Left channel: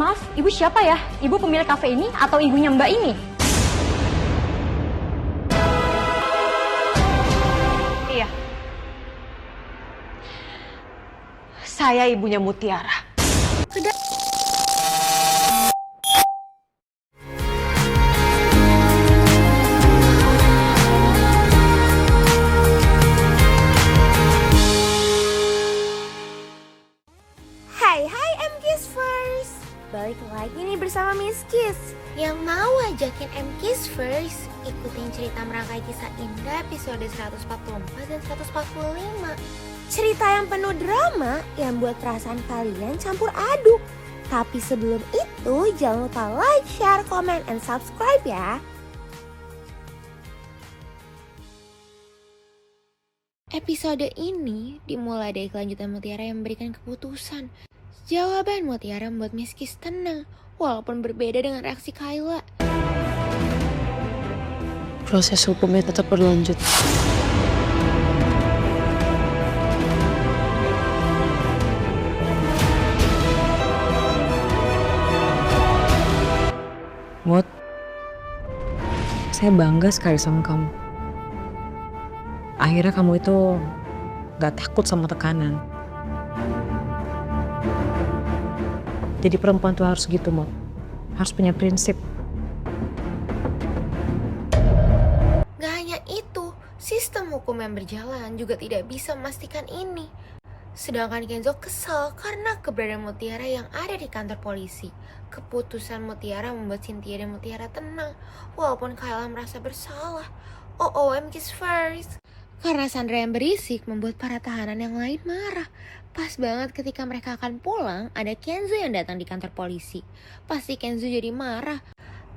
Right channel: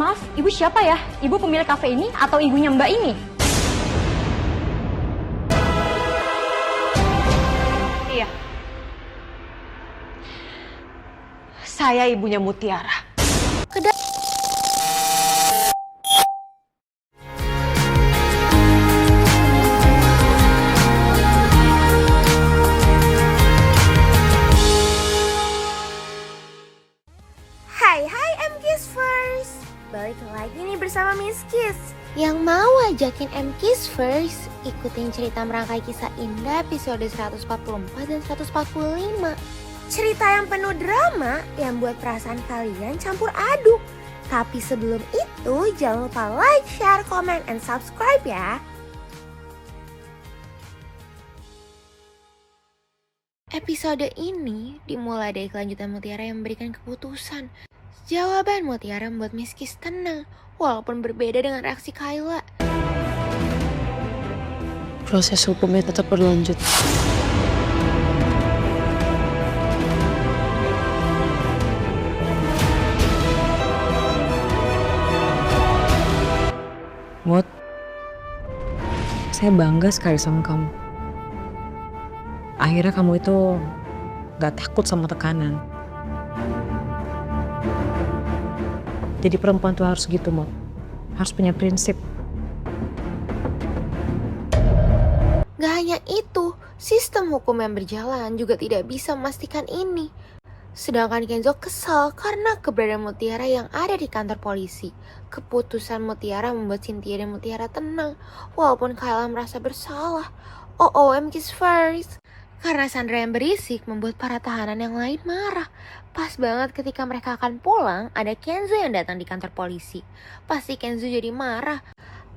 Maaf, ibu siapa ya? Ibu pemilik kafe ini atau ibunya Mbak ini? Iya. Saya ibunya Mutiara. Hai M-Kiss First. Balik lagi nih bersama Miss Kiss. Yang mau ajakin M-Kiss First ikutin cerita merangkai kisah indah episode 144 dan 145. Cerita yang penuh drama yang buat perasaan kalian campur aduk. Tapi sebelum itu jangan lupa like, share, comment, and subscribe ya. Episode ini dimulai dari kelanjutan Mutiara yang memberikan keputusan. Jawaban Mutiara membuat Miss Kiss tenang, walaupun berbeda dengan reaksi Kayla. Proses hukumnya tetap berlanjut. Mut, saya bangga sekali sama kamu. Akhirnya kamu itu gak takut sama tekanan. Jadi perempuan tuh harus gitu, Mut. Harus punya prinsip. Gak hanya itu, sistem hukum yang berjalan juga tidak bisa memastikan ini. Sedangkan Kenzo kesal karena keberadaan Mutiara yang ada di kantor polisi. Keputusan Mutiara membuat Cynthia dan Mutiara tenang, walaupun Kayla merasa bersalah. M-Kiss First. Karena Sandra yang berisik membuat para tahanan yang lain marah. Pas banget ketika mereka akan pulang, ada Kenzo yang datang di kantor polisi. Pasti Kenzo jadi marah,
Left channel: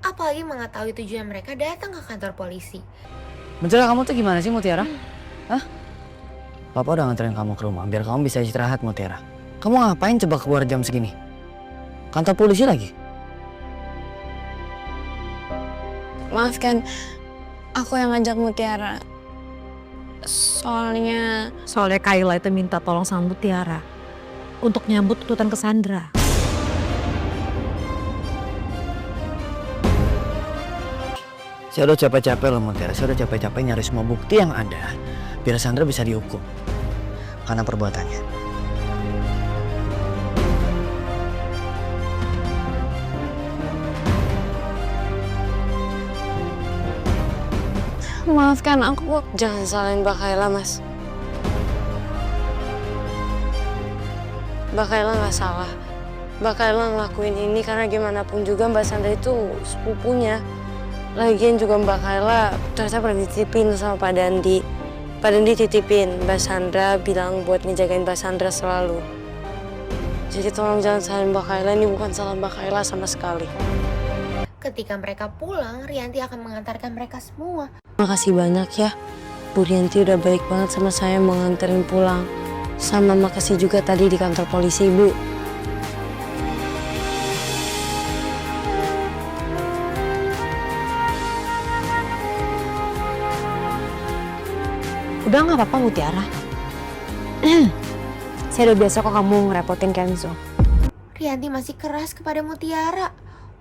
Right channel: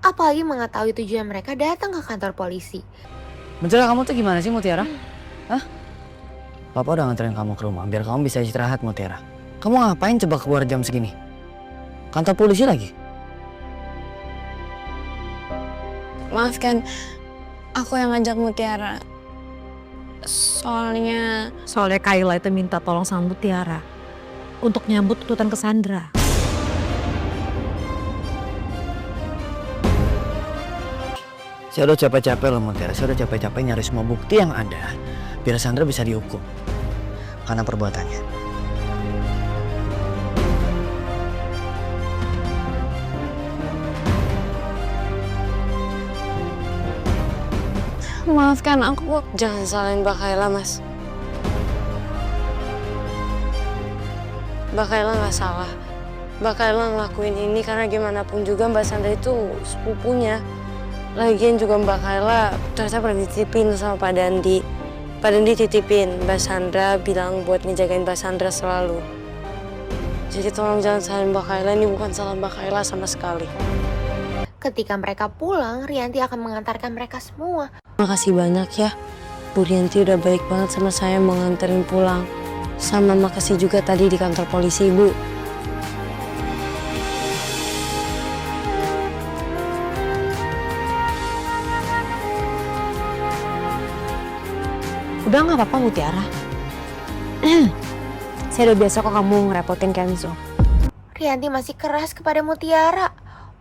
apalagi mengetahui tujuan mereka datang ke kantor polisi. Menjelang kamu tuh gimana sih, Mutiara? Hah? Papa udah nganterin kamu ke rumah biar kamu bisa istirahat, Mutiara. Kamu ngapain coba keluar jam segini? Kantor polisi lagi? Maafkan, aku yang ngajak Mutiara. Soalnya Kayla itu minta tolong sama Mutiara untuk nyambut tuntutan ke Sandra. Saya udah capek-capek loh, Mutiara. Saya udah capek-capek nyari semua bukti yang ada biar Sandra bisa dihukum karena perbuatannya. maafkan aku. Jangan salahin Mbak Kayla, Mas. Mbak Kayla gak salah. Mbak Kayla ngelakuin ini karena gimana pun juga Mbak Sandra itu sepupunya. Lagian juga Mbak Kayla ternyata pernah dititipin sama Pak Dandi. Pak Dandi titipin Mbak Sandra, bilang buat ngejagain Mbak Sandra selalu. Jadi tolong jangan salahin Mbak Kayla, ini bukan salah Mbak Kayla sama sekali. Ketika mereka pulang, Rianti akan mengantarkan mereka semua. Makasih banyak ya, Bu Rianti udah baik banget sama saya mau nganterin pulang. Sama makasih juga tadi di kantor polisi, Bu. Udah gak apa-apa, Mutiara. Saya udah biasa kok kamu ngerepotin Kenzo. Rianti masih keras kepada Mutiara.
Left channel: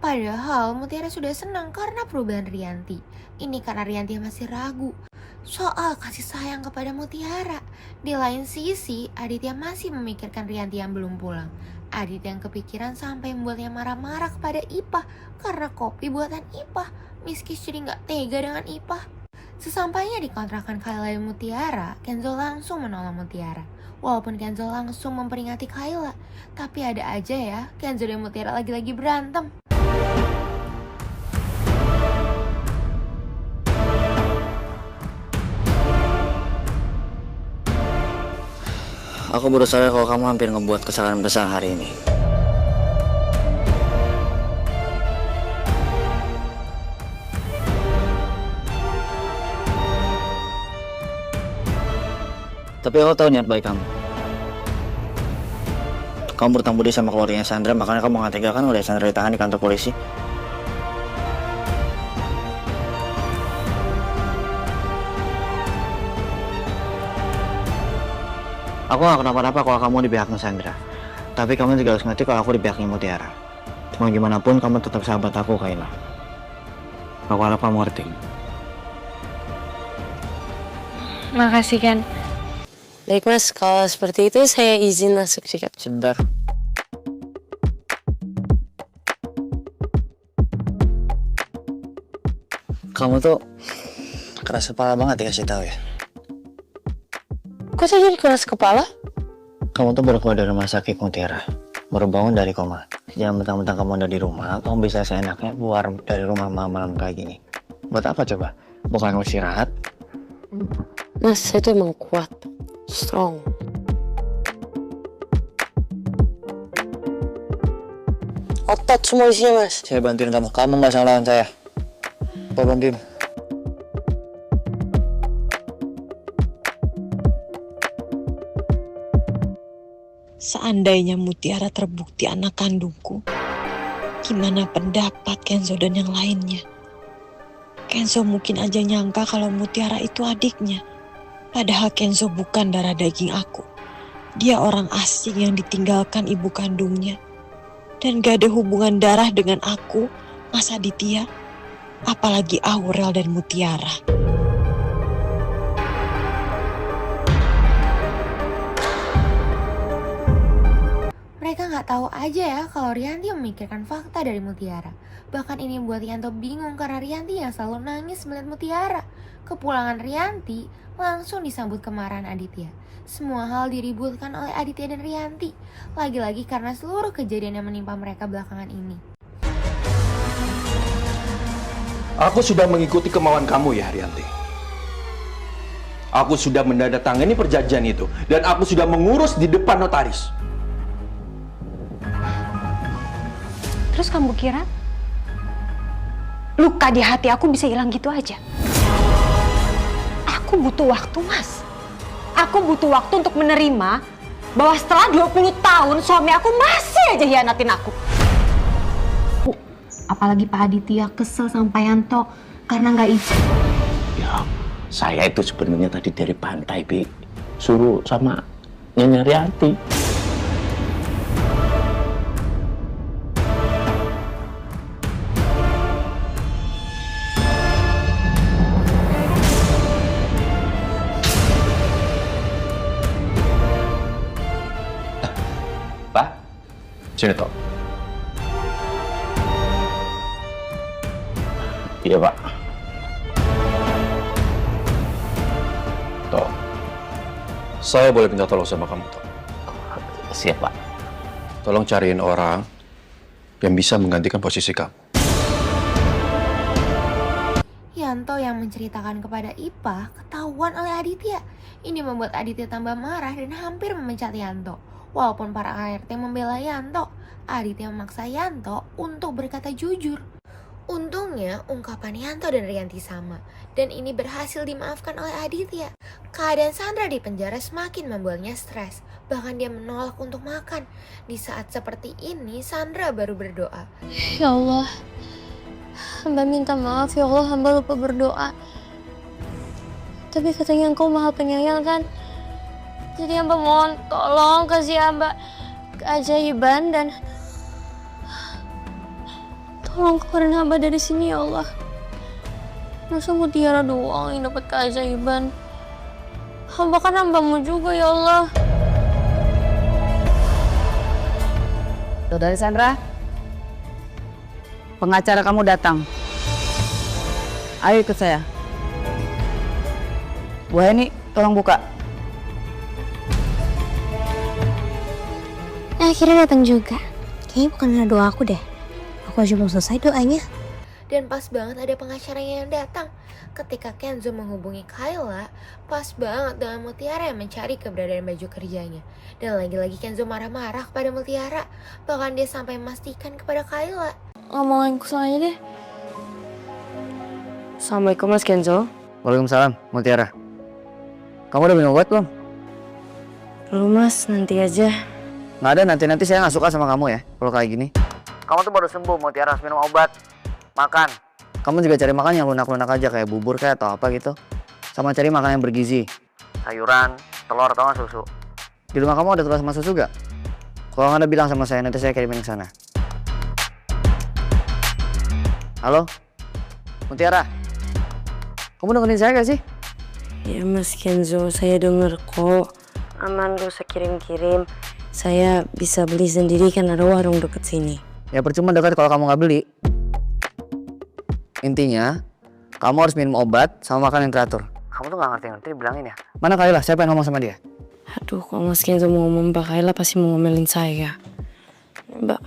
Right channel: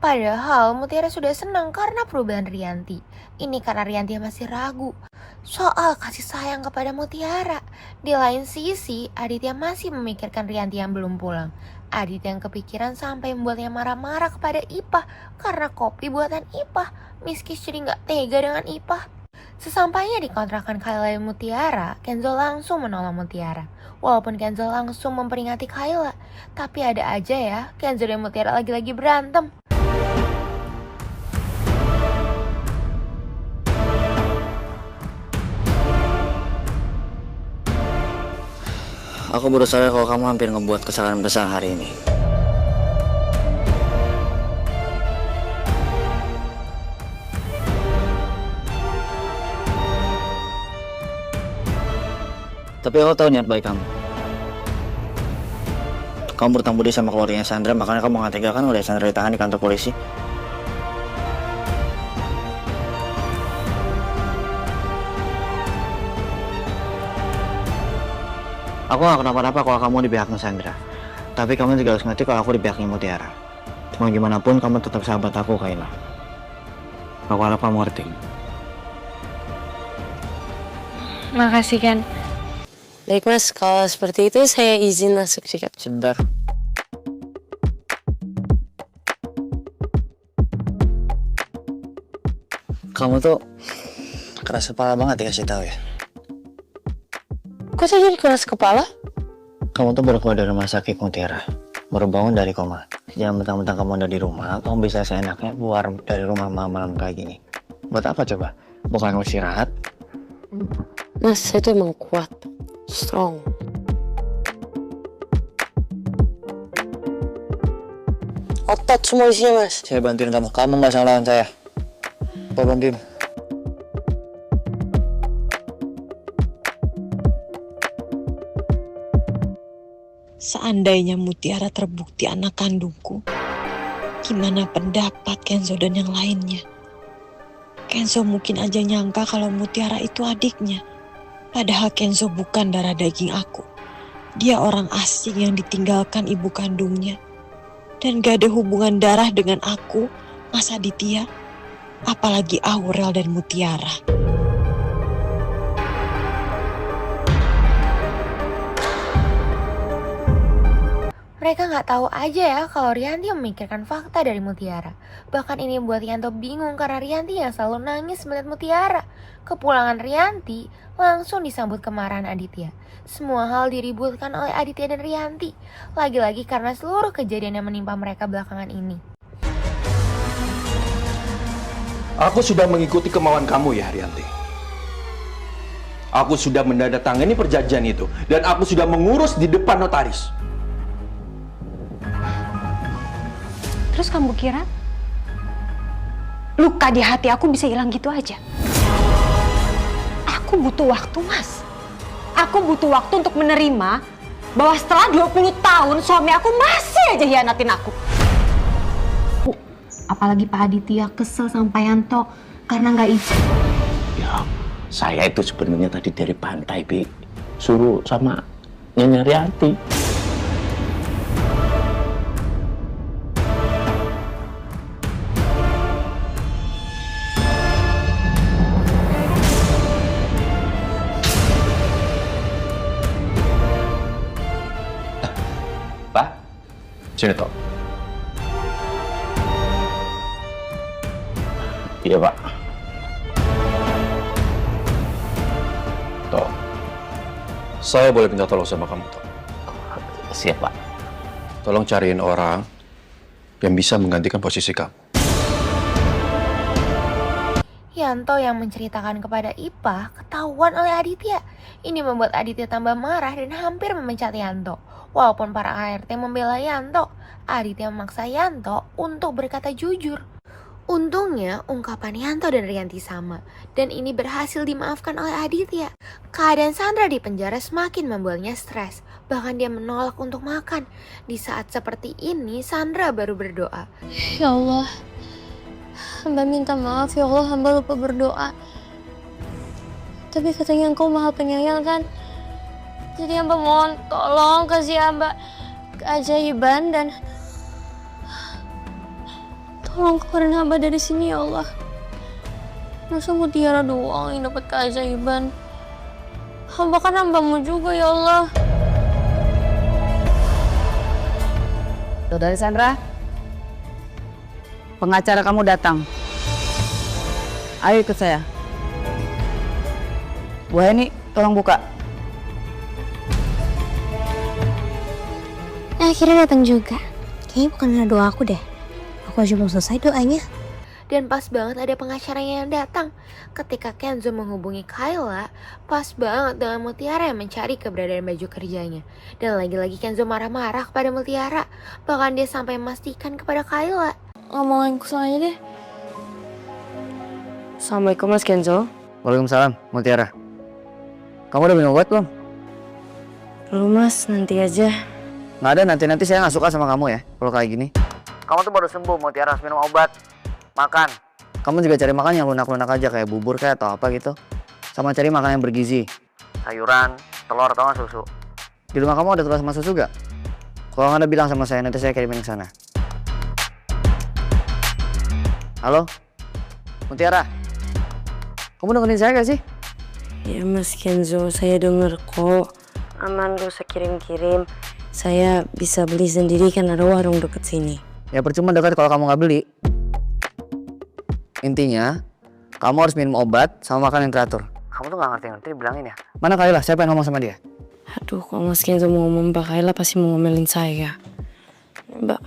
Padahal Mutiara sudah senang karena perubahan Rianti. Ini karena Rianti masih ragu soal kasih sayang kepada Mutiara. Di lain sisi, Aditya masih memikirkan Rianti yang belum pulang. Aditya yang kepikiran sampai membuatnya marah-marah kepada Ipah karena kopi buatan Ipah. Miss Kiss jadi gak tega dengan Ipah. Sesampainya di kontrakan Kayla dan Mutiara, Kenzo langsung menolong Mutiara. Walaupun Kenzo langsung memperingati Kayla, tapi ada aja ya, Kenzo dan Mutiara lagi-lagi berantem. Aku baru sadar kalau kamu hampir ngebuat kesalahan besar hari ini. Tapi aku tahu niat baik kamu. Kamu bertanggung budi sama keluarganya Sandra, makanya kamu nggak tega kan udah Sandra ditahan di kantor polisi. Aku gak kenapa-napa kalau kamu di pihaknya Sandra. Tapi kamu juga harus ngerti kalau aku di pihaknya Mutiara. Mau gimana pun kamu tetap sahabat aku, Kayla. Aku harap kamu ngerti. Makasih kan. Baik mas, kalau seperti itu saya izin masuk sikap. Sebentar. Kamu tuh keras kepala banget dikasih tahu ya. Kok saya jadi keras kepala? Kamu tuh baru keluar dari rumah sakit, Mutiara. Baru bangun dari koma. Jangan mentang-mentang kamu udah di rumah, kamu bisa seenaknya keluar dari rumah malam-malam kayak gini. Buat apa coba? Bukan istirahat? Mas, saya tuh emang kuat. Strong. Otot semua isinya, mas. Saya bantuin kamu. Kamu nggak salah lawan saya. Apa bantuin? Seandainya Mutiara terbukti anak kandungku, gimana pendapat Kenzo dan yang lainnya? Kenzo mungkin aja nyangka kalau Mutiara itu adiknya. Padahal Kenzo bukan darah daging aku. Dia orang asing yang ditinggalkan ibu kandungnya. Dan gak ada hubungan darah dengan aku, Mas Aditya. Apalagi Aurel dan Mutiara. Mereka nggak tahu aja ya kalau Rianti memikirkan fakta dari Mutiara. Bahkan ini membuat Yanto bingung karena Rianti yang selalu nangis melihat Mutiara. Kepulangan Rianti langsung disambut kemarahan Aditya. Semua hal diributkan oleh Aditya dan Rianti. Lagi-lagi karena seluruh kejadian yang menimpa mereka belakangan ini. Aku sudah mengikuti kemauan kamu ya, Rianti. Aku sudah menandatangani perjanjian itu. Dan aku sudah mengurus di depan notaris. Terus kamu kira luka di hati aku bisa hilang gitu aja? Aku butuh waktu, Mas. Aku butuh waktu untuk menerima bahwa setelah 20 tahun suami aku masih aja hianatin aku. Apalagi Pak Aditya kesel sama Pak Yanto karena nggak izin. Ya, saya itu sebenarnya tadi dari pantai, Bi. Suruh sama Nyonya Rianti. Pak, sini toh. Iya, Pak. Toh, saya boleh minta tolong sama kamu, Toh? Siap, Pak. Tolong cariin orang yang bisa menggantikan posisi kamu. Yanto yang menceritakan kepada Ipah ketahuan oleh Aditya. Ini membuat Aditya tambah marah dan hampir memecat Yanto. Walaupun para ART membela Yanto, Aditya memaksa Yanto untuk berkata jujur. Untungnya ungkapan Yanto dan Rianti sama, dan ini berhasil dimaafkan oleh Aditya. Keadaan Sandra di penjara semakin membuatnya stres, bahkan dia menolak untuk makan. Di saat seperti ini, Sandra baru berdoa. Ya Allah, hamba minta maaf ya Allah, hamba lupa berdoa. Tapi katanya engkau maha penyayang kan? Jadi hamba mohon tolong kasih hamba keajaiban dan tolong keluarin hamba dari sini ya Allah. Masa Mutiara doang yang dapat keajaiban? Hamba kan hambamu juga ya Allah. Saudari Sandra, pengacara kamu datang. Ayo ikut saya. Bu Heni, tolong buka. Akhirnya datang juga. Kayaknya bukan karena doa aku deh. Aku aja belum selesai doanya. Dan pas banget ada pengacaranya yang datang. Ketika Kenzo menghubungi Kayla, pas banget dengan Mutiara yang mencari keberadaan baju kerjanya. Dan lagi-lagi Kenzo marah-marah kepada Mutiara. Bahkan dia sampai memastikan kepada Kayla. Ngomongin aja deh. Assalamualaikum Mas Kenzo. Waalaikumsalam, Mutiara. Kamu udah minum obat belum? Belum Mas, nanti aja. Nggak ada, nanti saya nggak suka sama kamu ya, kalau kayak gini. Kamu tuh baru sembuh, Mutiara, harus minum obat. Makan. Kamu juga cari makan yang lunak-lunak aja, kayak bubur kayak atau apa gitu. Sama cari makan yang bergizi. Sayuran, telur, atau nggak susu. Di rumah kamu ada telur sama susu gak? Kalau nggak ada bilang sama saya, nanti saya kirimin ke sana. Halo? Mutiara? Kamu dengerin saya gak sih? Ya Mas Kenzo, saya denger kok. Aman, gak usah kirim-kirim. Saya bisa beli sendiri kan ada warung deket sini. Ya percuma dekat kalau kamu gak beli. Intinya, kamu harus minum obat sama makan yang teratur. Kamu tuh gak ngerti-ngerti dibilangin ya. Mana Kayla? Saya pengen ngomong sama dia. Aduh, kalau Mas Kenzo mau ngomong Mbak Kayla pasti mau ngomelin saya. Mbak,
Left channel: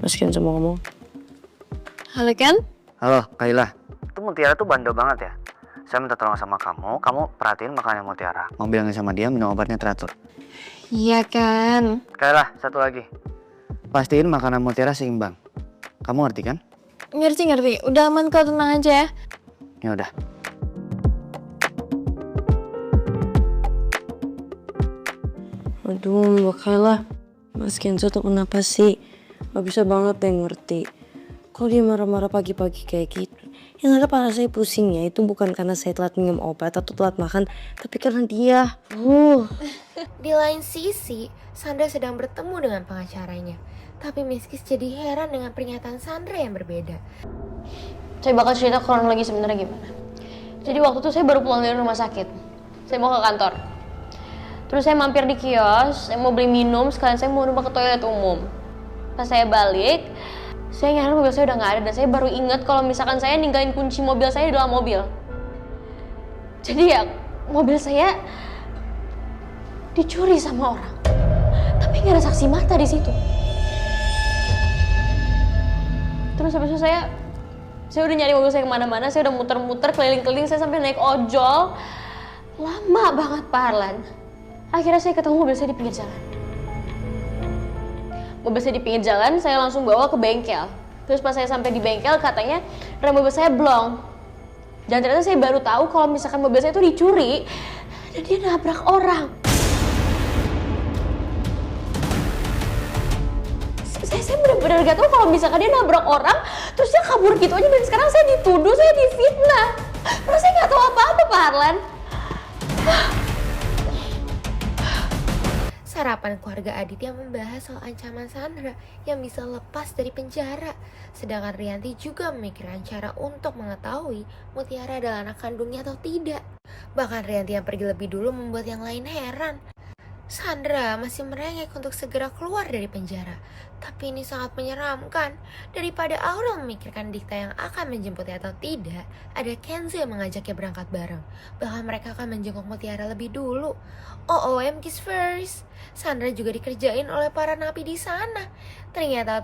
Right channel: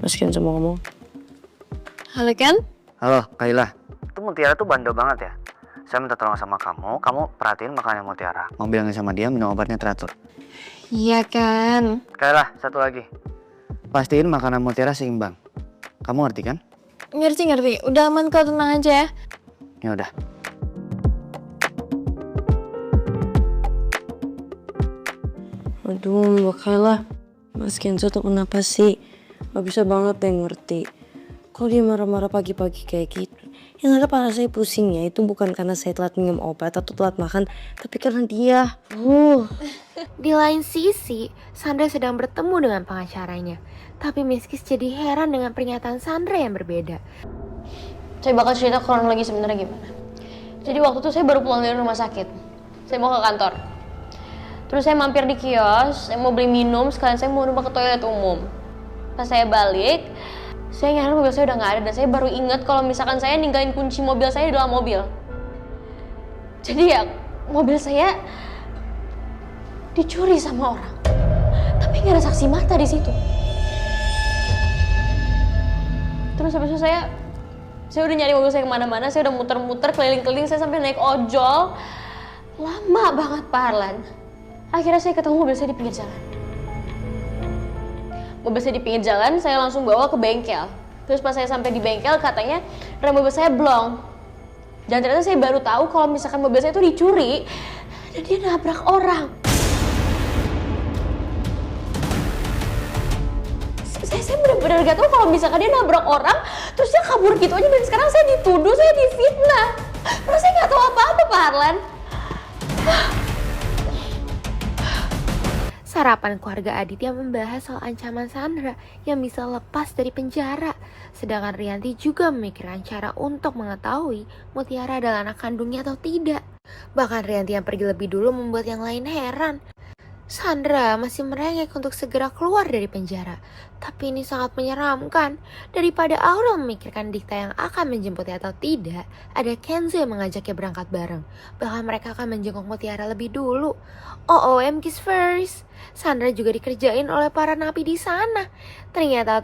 Mas Kenzo mau ngomong. Halo Ken? Halo Kayla. Itu Mutiara tuh bandel banget ya. Saya minta tolong sama kamu perhatiin makannya Mutiara. Mau bilangin sama dia minum obatnya teratur. Iya kan. Kayla, satu lagi. Pastiin makanan Mutiara seimbang. Kamu ngerti kan? Ngerti. Udah aman kok, tenang aja ya. Ya udah. Aduh Mbak Kayla, Mas Kenzo tuh kenapa sih? Gak bisa banget deh ngerti. Kok dia marah-marah pagi-pagi kayak gitu? Yang ada kepala saya pusingnya itu bukan karena saya telat minum obat atau telat makan, tapi karena dia. Di lain sisi, Sandra sedang bertemu dengan pengacaranya. Tapi Miskis jadi heran dengan pernyataan Sandra yang berbeda. Saya bakal cerita kronologi sebenarnya gimana. Jadi waktu itu saya baru pulang dari rumah sakit. Saya mau ke kantor. Terus saya mampir di kios, saya mau beli minum, sekalian saya mau numpang ke toilet umum. Pas saya balik, saya nyadar mobil saya udah nggak ada dan saya baru inget kalau misalkan saya ninggalin kunci mobil saya di dalam mobil. Jadi ya mobil saya dicuri sama orang, tapi nggak ada saksi mata di situ. Terus habis itu saya udah nyari mobil saya kemana-mana, saya udah muter-muter keliling-keliling, saya sampai naik ojol, lama banget Pak Harlan. Akhirnya saya ketemu mobil saya di pinggir jalan. Mobil saya di pinggir jalan, saya langsung bawa ke bengkel. Terus pas saya sampai di bengkel, katanya rem mobil saya blong. Dan ternyata saya baru tahu kalau misalkan mobil saya itu dicuri dan dia nabrak orang. Saya benar-benar gak tahu kalau misalkan dia nabrak orang, terus dia kabur gitu aja dan sekarang saya dituduh, saya difitnah. Terus saya nggak tahu apa-apa Pak Harlan. Sarapan keluarga Aditya membahas soal ancaman Sandra yang bisa lepas dari penjara. Sedangkan Rianti juga memikirkan cara untuk mengetahui Mutiara adalah anak kandungnya atau tidak. Bahkan Rianti yang pergi lebih dulu membuat yang lain heran. Sandra masih merengek untuk segera keluar dari penjara. Tapi ini sangat menyeramkan. Daripada Aurel memikirkan Dikta yang akan menjemputnya atau tidak, ada Kenzo yang mengajaknya berangkat bareng. Bahkan mereka akan menjenguk Mutiara lebih dulu. OOM kiss first. Sandra juga dikerjain oleh para napi di sana. Ternyata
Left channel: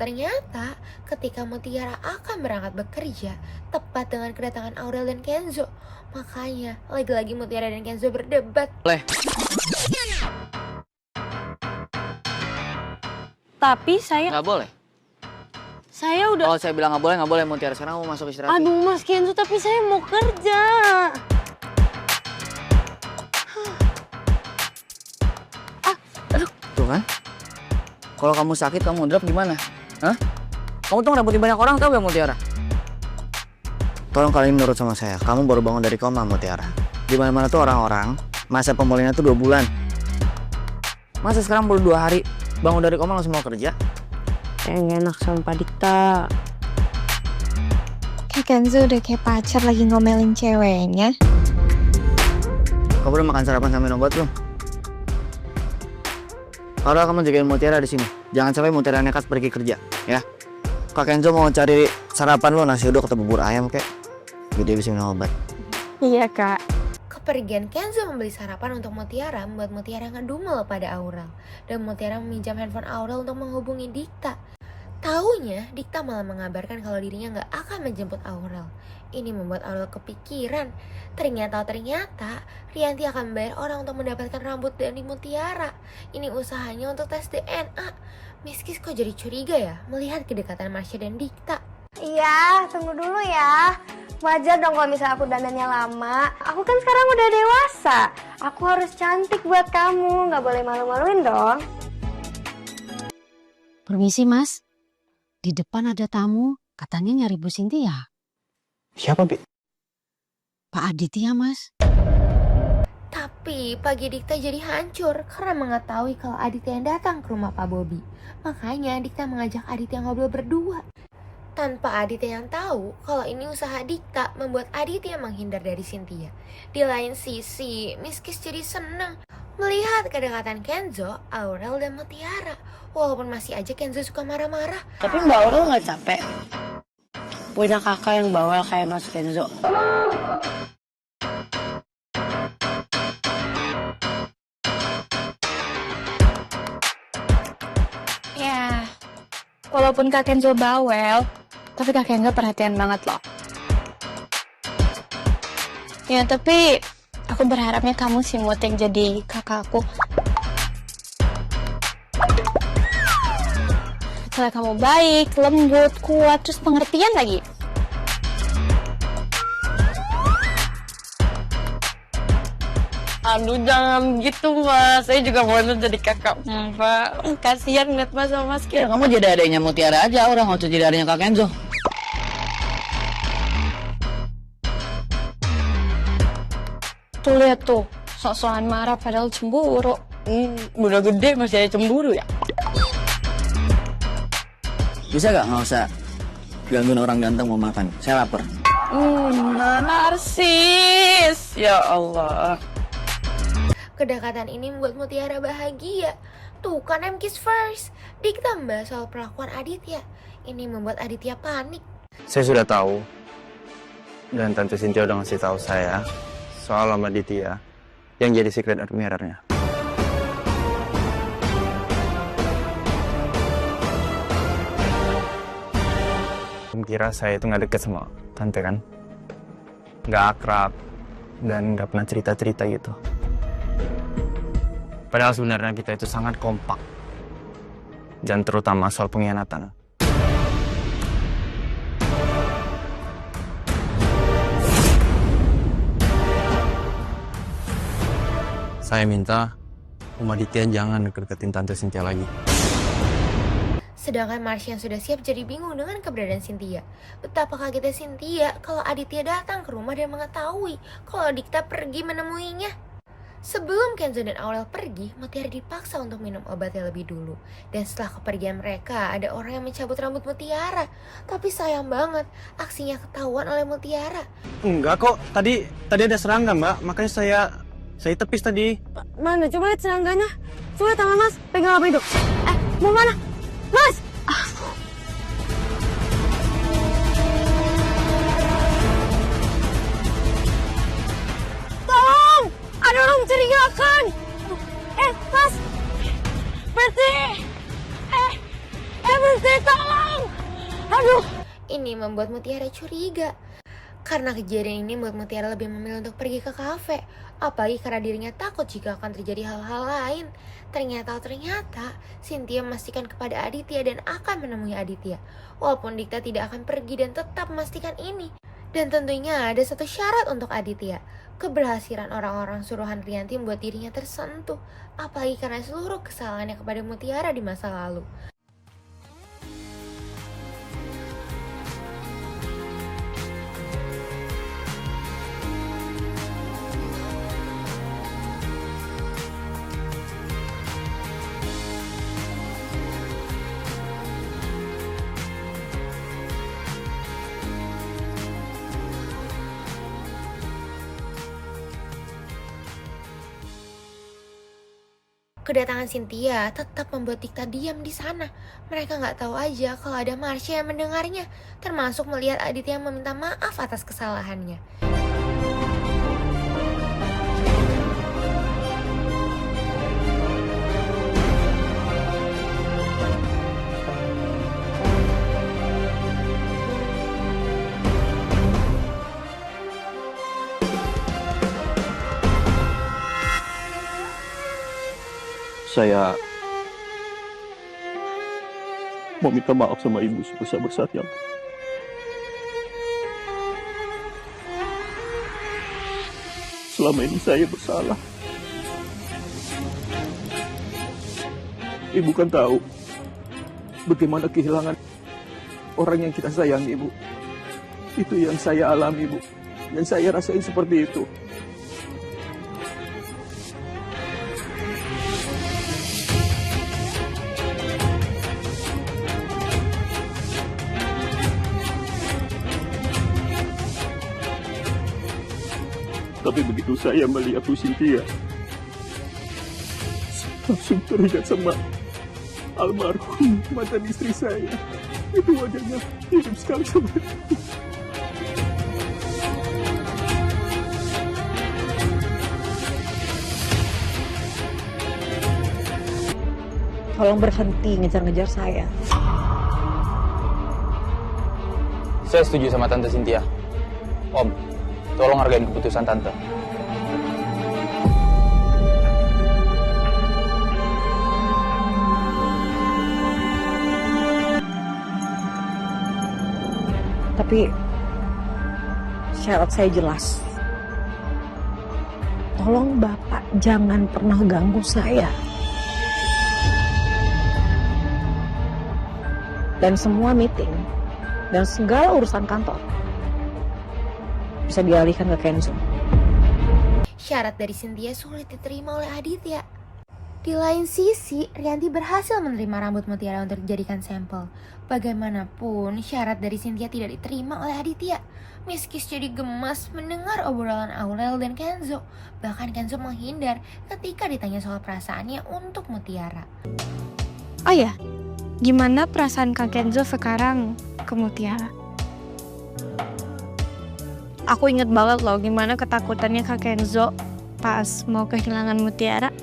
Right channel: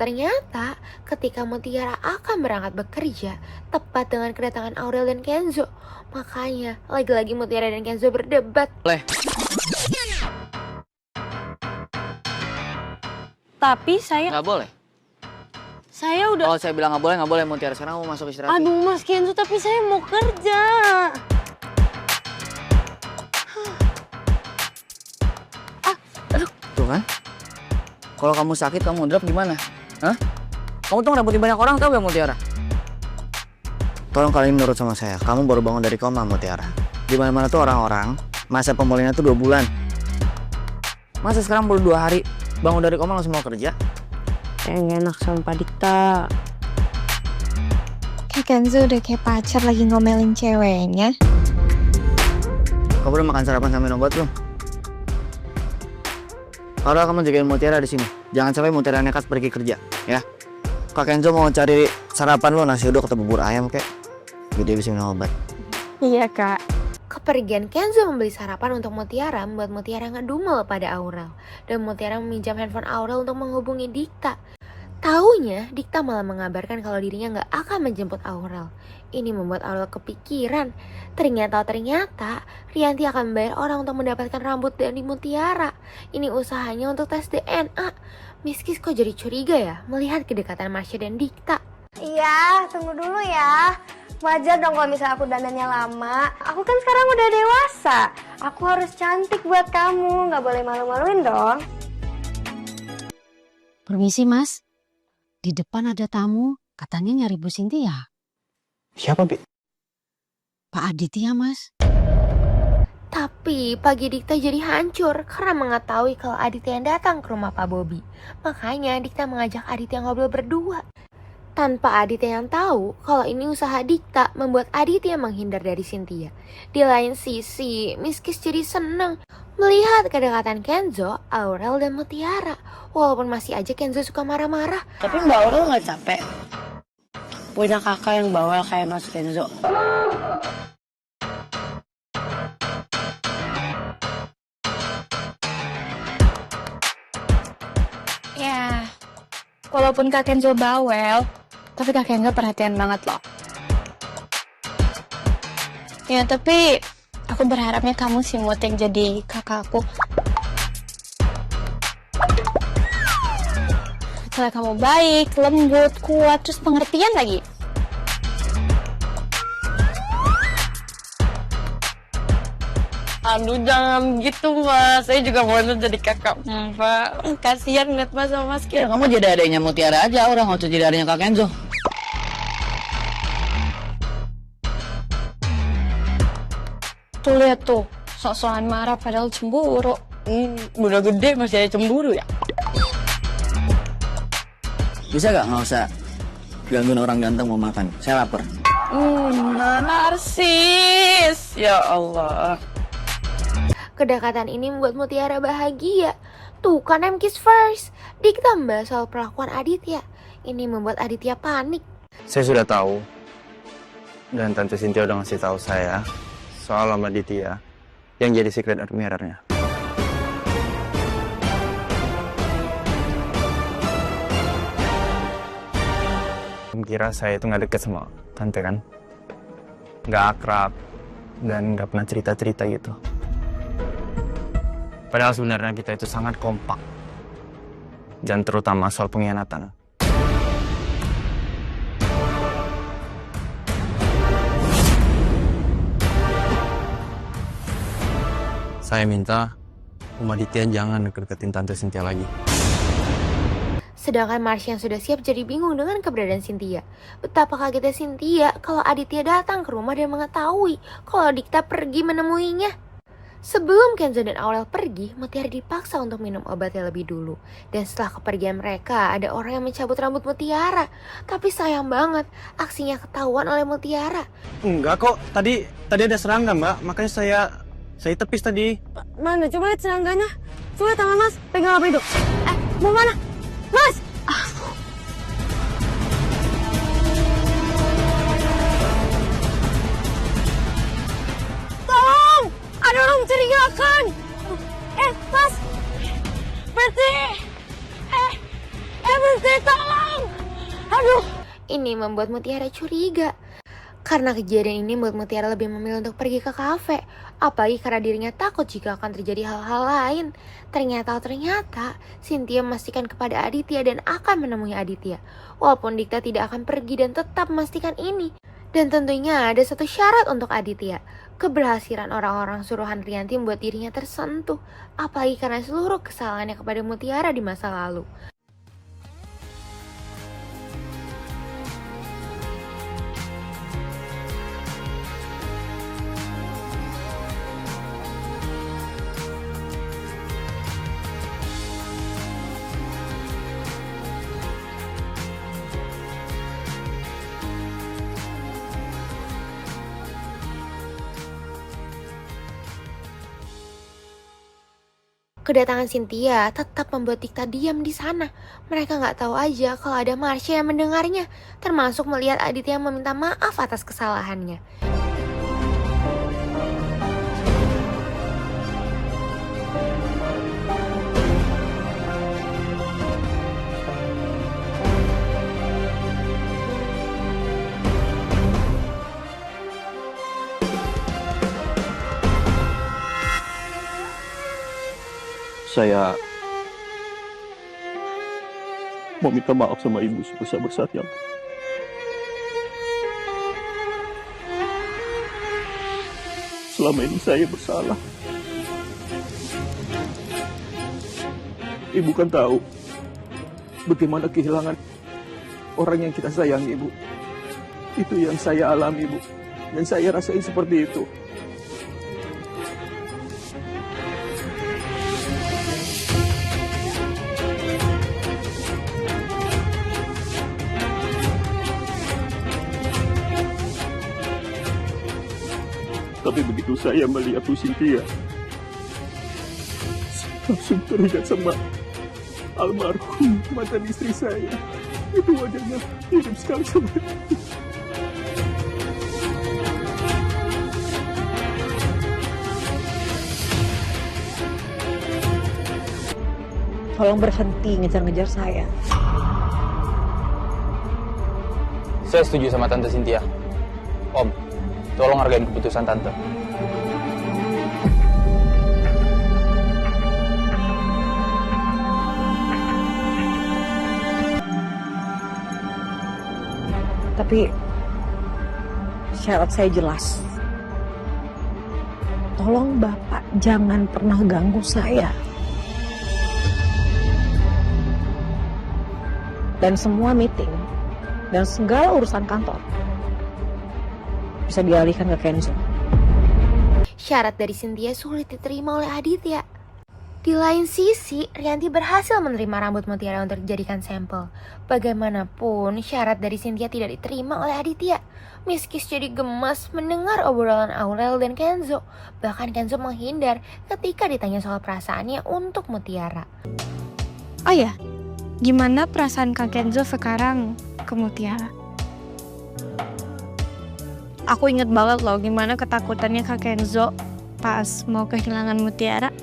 ketika Mutiara akan berangkat bekerja, tepat dengan kedatangan Aurel dan Kenzo. Makanya lagi-lagi Mutiara dan Kenzo berdebat. Tapi saya Nggak boleh. saya udah. Kalau saya bilang nggak boleh Mutiara. Sekarang mau masuk istirahat. Aduh Mas Kenzo, tapi saya mau kerja. Tuh kan? Kalau kamu sakit, kamu drop gimana? Hah? Kamu tuh ngerebutin banyak orang, tau gak Mutiara? Tolong kalian nurut sama saya. Kamu baru bangun dari koma Mutiara. Di mana-mana tuh orang-orang masa pemulihannya tuh 2 bulan. Masa sekarang baru 2 hari bangun dari koma langsung mau kerja? Kayak gak enak sama Pak Dikta. Kayak Kenzo udah kayak pacar lagi ngomelin ceweknya. Kamu udah makan sarapan sama minum obat belum? Kalau kamu jagain Mutiara di sini, jangan sampai Mutiara nekat pergi kerja, ya. Kak Kenzo mau cari sarapan lo, nasi uduk atau bubur ayam kek, biar dia bisa minum obat. Iya Kak. Kepergian Kenzo membeli sarapan untuk Mutiara membuat Mutiara ngedumel pada Aurel. Dan Mutiara meminjam handphone Aurel untuk menghubungi Dikta. Taunya, Dikta malah mengabarkan kalau dirinya nggak akan menjemput Aurel. Ini membuat Aurel kepikiran. Ternyata Rianti akan membayar orang untuk mendapatkan rambut dari Mutiara. Ini usahanya untuk tes DNA. Miskis kok jadi curiga ya melihat kedekatan Marsha dan Dikta. Iya, tunggu dulu ya. Wajar dong kalau misalnya aku dandannya lama. Aku kan sekarang udah dewasa. Aku harus cantik buat kamu, nggak boleh malu-maluin dong. Permisi Mas, di depan ada tamu, katanya nyari Bu Cynthia. Siapa, Bi? Pak Aditya Mas. Tapi pagi Dikta jadi hancur karena mengetahui kalau Aditya yang datang ke rumah Pak Bobi. Makanya Dikta mengajak Aditya ngobrol berdua. tanpa Aditya yang tahu kalau ini usaha Dikta membuat Aditya menghindar dari Cynthia. Di lain sisi, Miss Kiss jadi senang melihat kedekatan Kenzo, Aurel, dan Mutiara. Walaupun masih aja Kenzo suka marah-marah. Tapi Mbak Aurel nggak capek punya kakak yang bawel kayak Mas Kenzo. Ya, walaupun Kak Kenzo bawel, tapi Kak Kenzo perhatian banget loh. Ya, tapi aku berharapnya kamu si Mut yang jadi kakakku. Soalnya kamu baik, lembut, kuat, terus pengertian lagi. Aduh jangan gitu Mas, saya juga mau jadi kakak Mbak. Kasihan ngeliat Mas sama Mas Ya kamu jadi adanya Mutiara aja, orang nggak usah jadi adanya Kak Kenzo. Tuh lihat tuh, sok-sokan marah padahal cemburu. Udah gede masih ada cemburu ya? Bisa nggak usah gangguin orang ganteng mau makan, saya lapar. Narsis, ya Allah. Kedekatan ini membuat Mutiara bahagia. Tuh kan I'm kiss first. Dikta membahas soal perlakuan Aditya. Ini membuat Aditya panik. Saya sudah tahu. Dan Tante Cynthia udah ngasih tahu saya soal Om Aditya yang jadi secret admirer-nya. Kira saya itu nggak deket sama Tante kan? Nggak akrab dan nggak pernah cerita-cerita gitu. Padahal sebenarnya kita itu sangat kompak. Dan terutama soal pengkhianatan. Saya minta Om Aditya jangan deket-deketin Tante Cynthia lagi. Sedangkan Marsha yang sudah siap jadi bingung dengan keberadaan Cynthia. Betapa kagetnya Cynthia kalau Aditya datang ke rumah dan mengetahui kalau Dikta pergi menemuinya. Sebelum Kenzo dan Aurel pergi, Mutiara dipaksa untuk minum obatnya lebih dulu. Dan setelah kepergian mereka, ada orang yang mencabut rambut Mutiara. Tapi sayang banget, aksinya ketahuan oleh Mutiara. Enggak kok, tadi ada serangga Mbak, makanya saya tepis tadi. Mana? Coba lihat serangganya. Coba tangan Mas, pegang apa itu? Mau mana? Mas! Tolong! Ada orang mencurigakan! Mas! Berhenti! Berhenti, tolong! Aduh! Ini membuat Mutiara curiga. Karena kejadian ini membuat Mutiara lebih memilih untuk pergi ke kafe. Apalagi karena dirinya takut jika akan terjadi hal-hal lain. Ternyata Cynthia memastikan kepada Aditya dan akan menemui Aditya. Walaupun Dikta tidak akan pergi dan tetap memastikan ini. Dan tentunya ada satu syarat untuk Aditya. Keberhasilan orang-orang suruhan Rianti membuat dirinya tersentuh. Apalagi karena seluruh kesalahannya kepada Mutiara di masa lalu. Kedatangan Cynthia tetap membuat Dikta diam di sana. Mereka nggak tahu aja kalau ada Marsha yang mendengarnya, termasuk melihat Aditya meminta maaf atas kesalahannya. Saya mau minta maaf sama ibu sebesar-besarnya. Selama ini saya bersalah. Ibu kan tahu bagaimana kehilangan orang yang kita sayangi, Ibu. Itu yang saya alami, Ibu. Dan saya rasain seperti itu. Tapi begitu saya melihat Bu Cynthia, langsung teringat sama almarhum mantan istri saya. Itu wajahnya mirip sekali sama itu. Tolong berhenti ngejar-ngejar saya. Saya setuju sama Tante Cynthia. Om, tolong hargain keputusan Tante. Tapi syarat saya jelas. Tolong Bapak jangan pernah ganggu saya. Dan semua meeting dan segala urusan kantor bisa dialihkan ke Kenzo. Syarat dari Cynthia sulit diterima oleh Aditya. Di lain sisi, Rianti berhasil menerima rambut Mutiara untuk dijadikan sampel. Bagaimanapun, syarat dari Cynthia tidak diterima oleh Aditya. Miskis jadi gemas mendengar obrolan Aurel dan Kenzo. Bahkan Kenzo menghindar ketika ditanya soal perasaannya untuk Mutiara. Oh ya, gimana perasaan Kak Kenzo sekarang ke Mutiara? Aku inget banget loh gimana ketakutannya Kak Kenzo pas mau kehilangan Mutiara.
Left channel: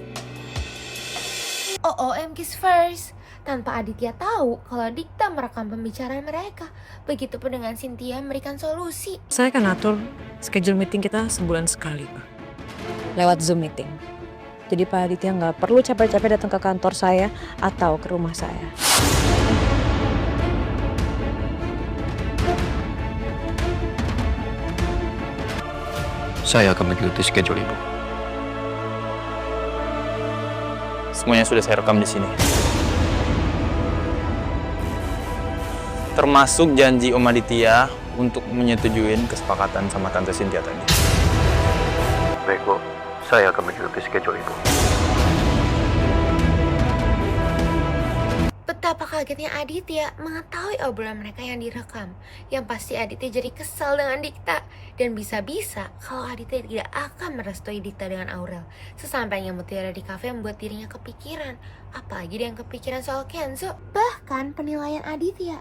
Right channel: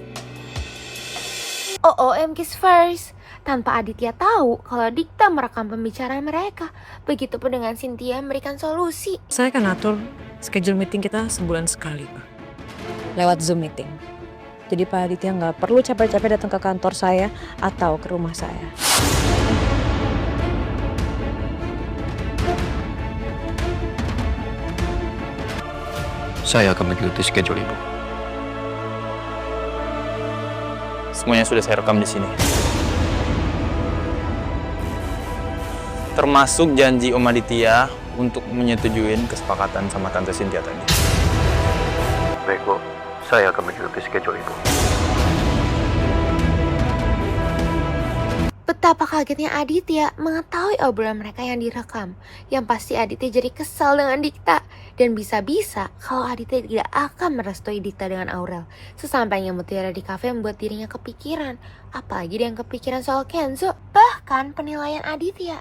Kiss first. Tanpa Aditya tahu kalau Dikta merekam pembicaraan mereka. Begitupun dengan Cynthia memberikan solusi. Saya akan atur schedule meeting kita sebulan sekali, Pak. Lewat Zoom meeting. Jadi Pak Aditya nggak perlu capek-capek datang ke kantor saya atau ke rumah saya. Saya akan mengikuti schedule Ibu. Semuanya sudah saya rekam di sini. Termasuk janji Om Aditya untuk menyetujuin kesepakatan sama Tante Cynthia tadi. Baik, Bu. Saya akan mengikuti schedule Ibu. Betapa kagetnya Aditya mengetahui obrolan mereka yang direkam. Yang pasti Aditya jadi kesal dengan Dikta. Dan bisa-bisa kalau Aditya tidak akan merestui Dikta dengan Aurel. Sesampainya Mutiara di kafe membuat dirinya kepikiran. Apalagi dia yang kepikiran soal Kenzo. Bahkan penilaian Aditya.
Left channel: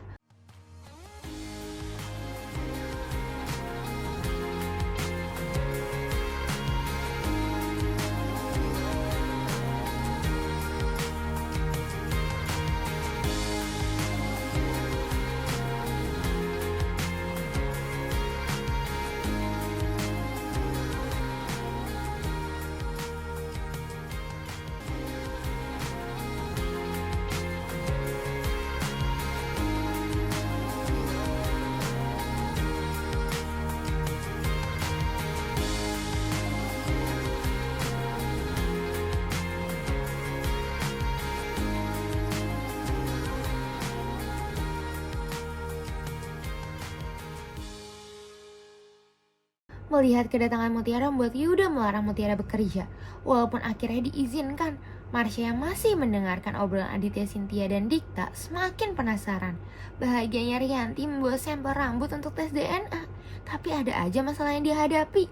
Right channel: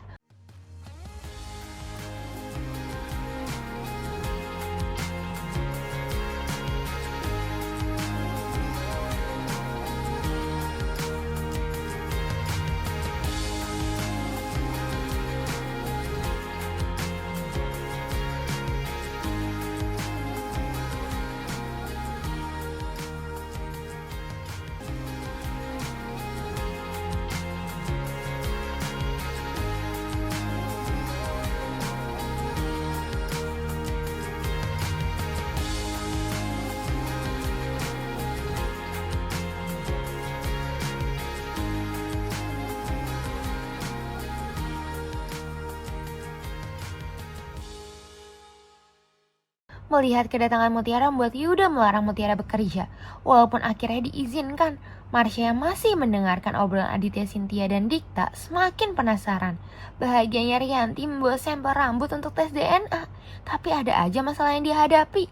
Melihat kedatangan Mutiara membuat Yuda melarang Mutiara bekerja. Walaupun akhirnya diizinkan, Marsha yang masih mendengarkan obrolan Aditya, Cynthia, dan Dikta semakin penasaran. Bahagianya Rianti membawa sampel rambut untuk tes DNA. Tapi ada aja masalah yang dihadapi.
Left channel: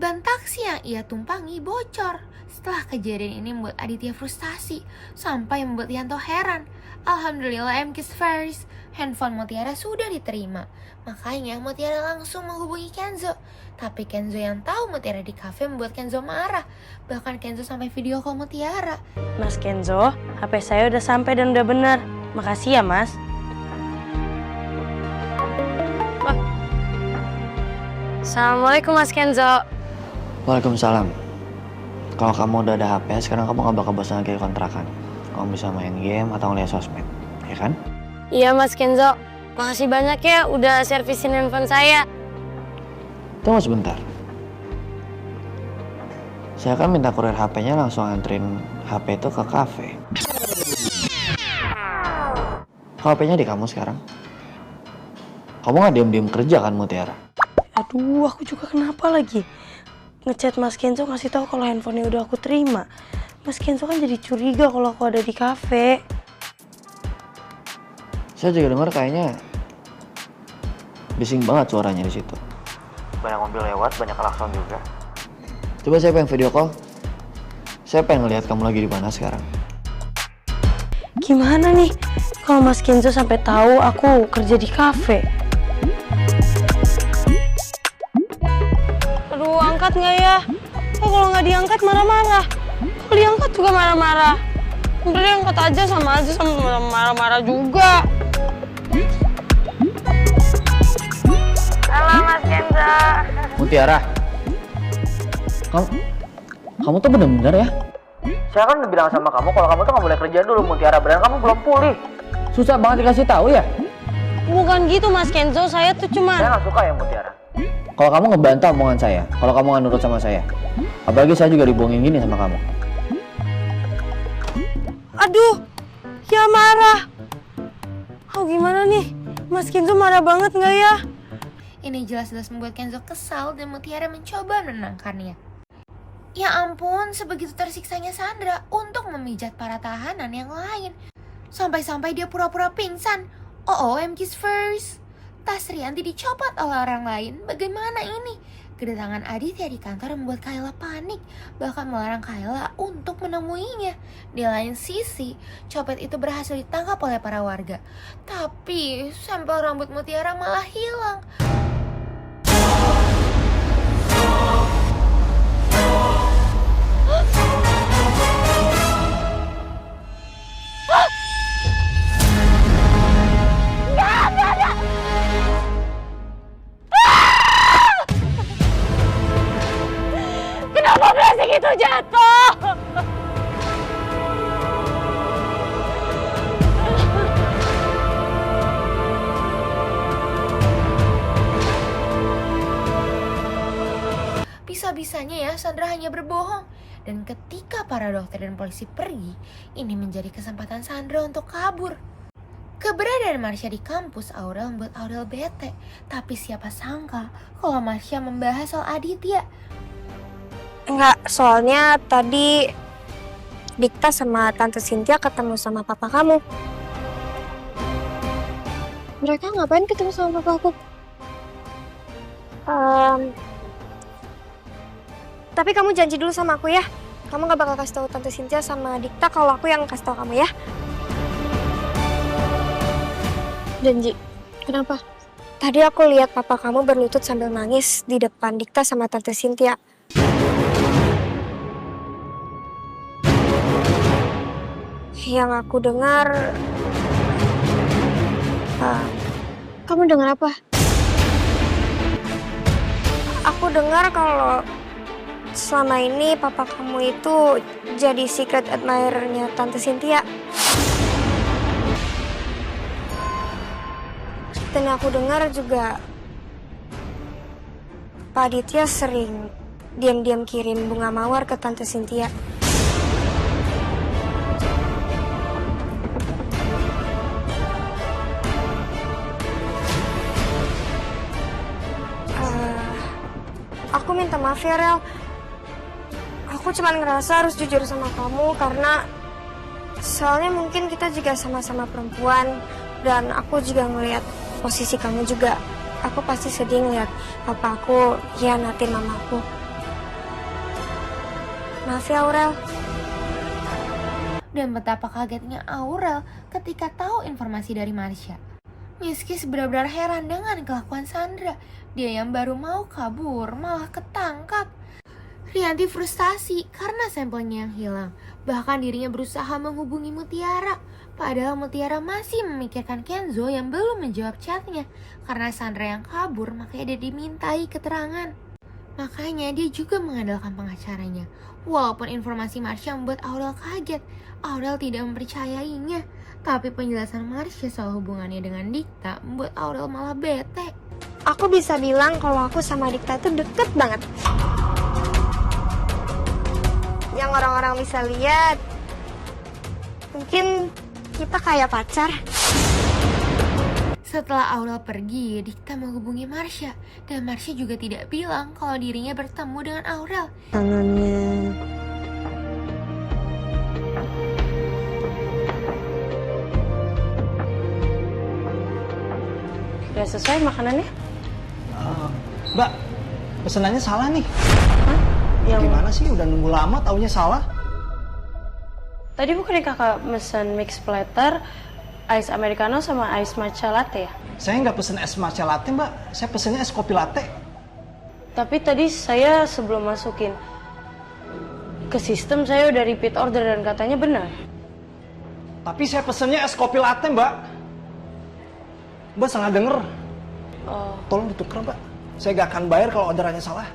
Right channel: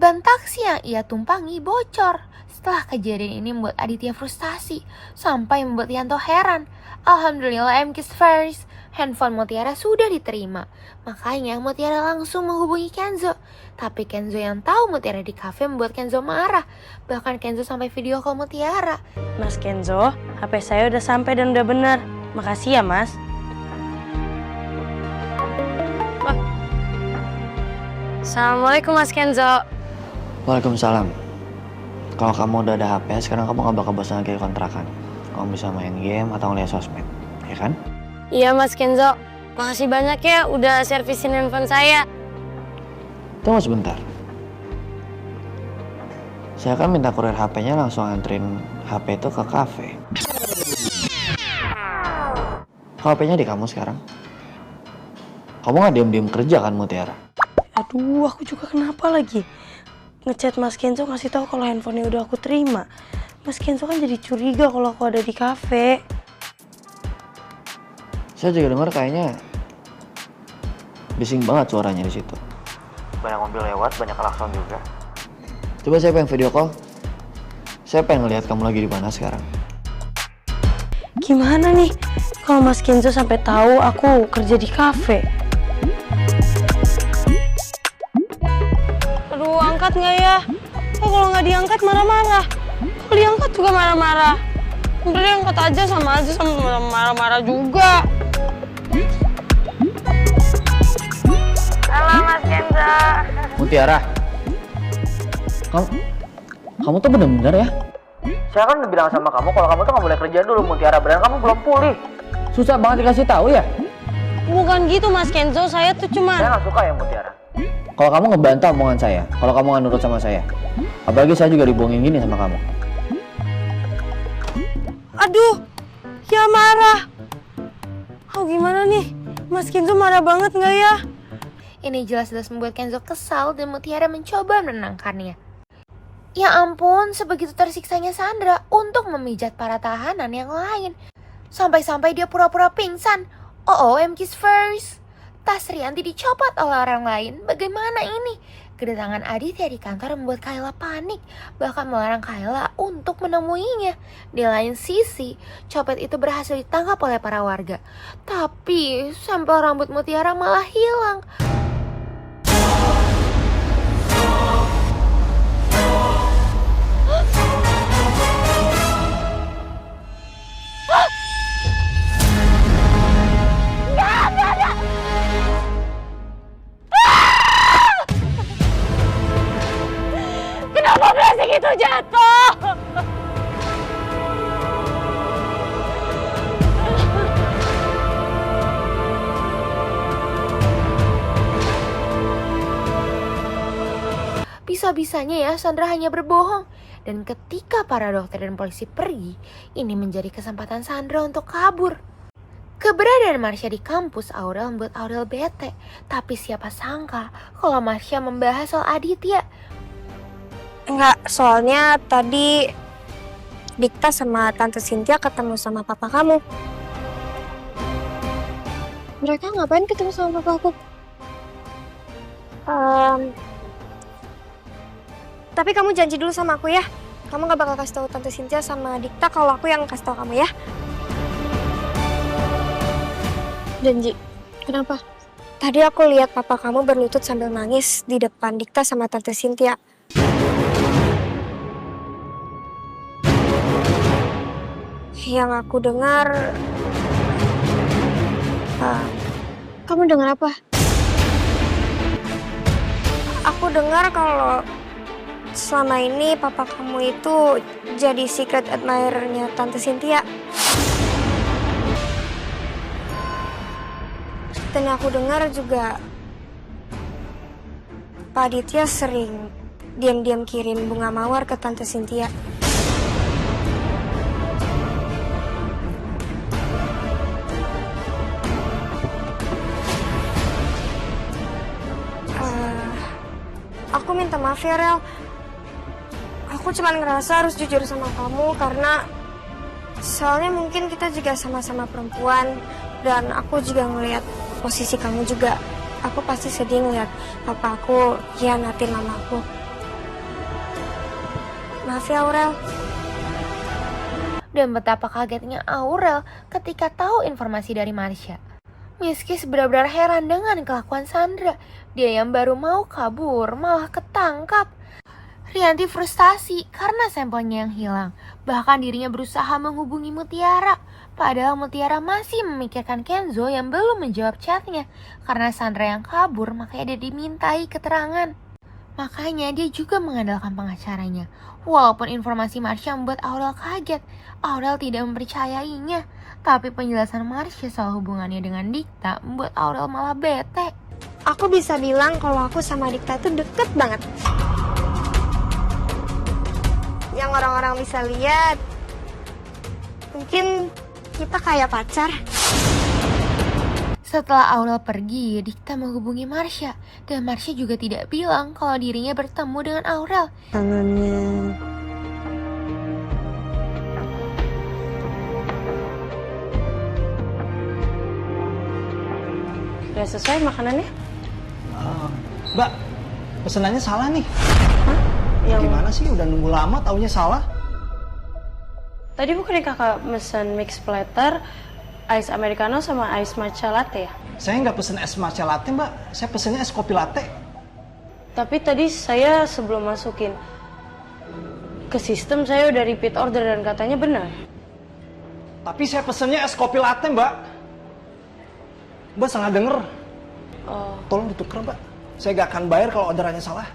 Ban taksi yang ia tumpangi bocor. Setelah kejadian ini membuat Aditya frustasi, sampai membuat Yanto heran. Alhamdulillah Kiss first. Handphone Mutiara sudah diterima. Makanya Mutiara langsung menghubungi Kenzo. Tapi Kenzo yang tahu Mutiara di kafe membuat Kenzo marah. Bahkan Kenzo sampai video call Mutiara. Mas Kenzo, HP saya udah sampai dan udah benar. Makasih ya, Mas. Wah. Assalamualaikum, Mas Kenzo. Waalaikumsalam. Kalau kamu udah ada HP, sekarang kamu gak bakal bosan lagi kontrakan. Kamu bisa main game atau ngeliat sosmed, ya kan? Iya, Mas Kenzo. Makasih banyak ya udah servisin handphone saya. Tunggu sebentar. Saya kan minta kurir HP-nya langsung anterin HP itu ke kafe. HP-nya di kamu sekarang. Kamu gak diem-diem kerja kan, Mutiara? Aduh, aku juga kenapa lagi? Ngechat Mas Kenzo ngasih tahu kalau handphonenya udah aku terima. Mas Kenzo kan jadi curiga kalau aku ada di kafe. Saya juga dengar kayaknya bising banget suaranya di situ. Banyak mobil lewat, banyak klakson juga. Coba saya pengen video call. Saya pengen ngeliat kamu lagi di mana sekarang. Gimana nih kalau Mas Kenzo sampai tahu aku kerja di kafe? Aduh, angkat nggak ya? Kalau nggak diangkat marah-marah. Kalau diangkat juga marah-marah. Udah deh, angkat aja sama marah-marah juga. Halo Mas Kenzo. Mutiara, kamu tuh bener-bener ya? Saya kan udah bilang sama kamu kalau kamu tuh nggak boleh kerja dulu, Mutiara. Beneran kamu belum pulih. Susah banget dikasih tahu ya? Bukan gitu Mas Kenzo, saya tuh cuma... Saya nggak suka ya, Mutiara. Kalau kamu ngebantah omongan saya, kalau kamu nggak nurut sama saya, apalagi saya juga dibohongin gini sama kamu. Aduh, ya marah. Oh gimana nih, Mas Kenzo marah banget nggak ya? Ini jelas-jelas membuat Kenzo kesal dan Mutiara mencoba menenangkannya. Ya ampun, sebegitu tersiksanya Sandra untuk memijat para tahanan yang lain. Sampai-sampai dia pura-pura pingsan. OMG first. Tas Rianti dicopot oleh orang lain. Bagaimana ini? Kedatangan Aditya di kantor membuat Kayla panik. Bahkan melarang Kayla untuk menemuinya. Di lain sisi, copet itu berhasil ditangkap oleh para warga. Tapi sampel rambut Mutiara malah hilang. Kenapa plastik itu jatuh? Bisa-bisanya ya Sandra hanya berbohong. Dan ketika para dokter dan polisi pergi, ini menjadi kesempatan Sandra untuk kabur. Keberadaan Marsha di kampus Aurel membuat Aurel bete. Tapi siapa sangka kalau Marsha membahas soal Aditya. Enggak, soalnya tadi Dikta sama Tante Cynthia ketemu sama papa kamu. Mereka ngapain ketemu sama papa aku? Tapi kamu janji dulu sama aku ya. Kamu gak bakal kasih tahu Tante Cynthia sama Dikta kalau aku yang kasih tahu kamu ya. Janji. Kenapa? Tadi aku lihat papa kamu berlutut sambil nangis di depan Dikta sama Tante Cynthia. Yang aku dengar... kamu dengar apa? Aku dengar kalau selama ini papa kamu itu jadi secret admirer-nya Tante Cynthia. Dan aku dengar juga Pak Aditya sering diam-diam kirim bunga mawar ke Tante Cynthia. Aku minta maaf ya, Rel. Aku cuma ngerasa harus jujur sama kamu karena soalnya mungkin kita juga sama-sama perempuan dan aku juga ngelihat posisi kamu juga. Aku pasti sedih ngeliat papa aku hianatin mamaku. Maaf ya, Aurel. Dan betapa kagetnya Aurel ketika tahu informasi dari Marsha. Meski benar-benar heran dengan kelakuan Sandra, dia yang baru mau kabur malah ketangkap. Rianti frustasi karena sampelnya yang hilang. Bahkan dirinya berusaha menghubungi Mutiara. Padahal Mutiara masih memikirkan Kenzo yang belum menjawab chatnya. Karena Sandra yang kabur, makanya dia dimintai keterangan. Makanya dia juga mengandalkan pengacaranya. Walaupun informasi Marsha membuat Aurel kaget, Aurel tidak mempercayainya. Tapi penjelasan Marsha soal hubungannya dengan Dikta membuat Aurel malah bete. Aku bisa bilang kalau aku sama Dikta tuh deket banget. Yang orang-orang bisa lihat, mungkin kita kayak pacar. Setelah Aurel pergi, Dikta menghubungi Marsha. Dan Marsha juga tidak bilang kalau dirinya bertemu dengan Aurel. Tangannya... Udah selesai makanannya? Mbak, pesenannya salah nih. Hah? Gimana sih udah nunggu lama taunya salah? Tadi bukannya kakak mesen mix platter, ice americano sama ice matcha latte ya? Saya nggak pesen es matcha latte mbak, saya pesennya es kopi latte. Tapi tadi saya sebelum masukin ke sistem saya udah repeat order dan katanya benar. Tapi saya pesennya es kopi latte mbak. Mbak salah denger. Oh. Tolong ditukar mbak, saya nggak akan bayar kalau orderannya salah.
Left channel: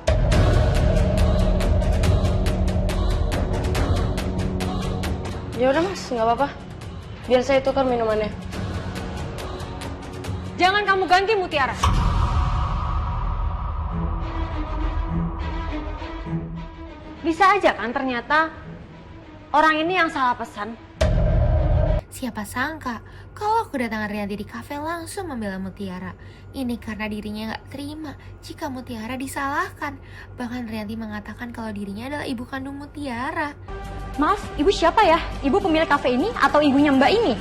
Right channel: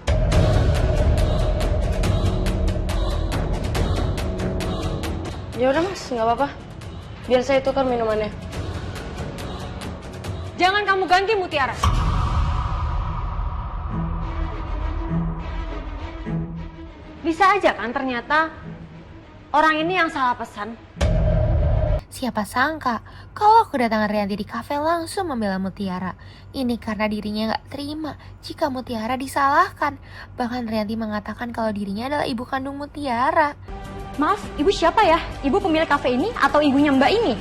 Ya udah mas, nggak apa-apa. Biar saya tukar minumannya. Jangan kamu ganti Mutiara. Bisa aja kan ternyata orang ini yang salah pesan. Siapa sangka kalau kedatangan Rianti di kafe langsung membela Mutiara. Ini karena dirinya gak terima jika Mutiara disalahkan. Bahkan Rianti mengatakan kalau dirinya adalah ibu kandung Mutiara. Maaf, ibu siapa ya? Ibu pemilik kafe ini atau ibunya Mbak ini?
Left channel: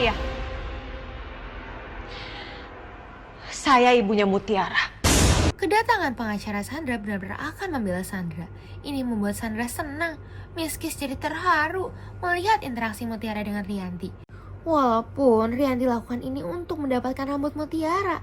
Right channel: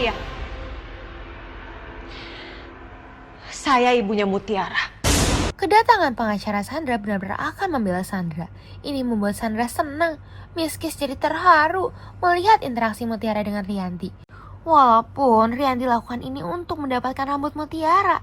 Iya. Saya ibunya Mutiara. Kedatangan pengacara Sandra benar-benar akan membela Sandra. Ini membuat Sandra senang. Miskis jadi terharu melihat interaksi Mutiara dengan Rianti. Walaupun Rianti lakukan ini untuk mendapatkan rambut Mutiara.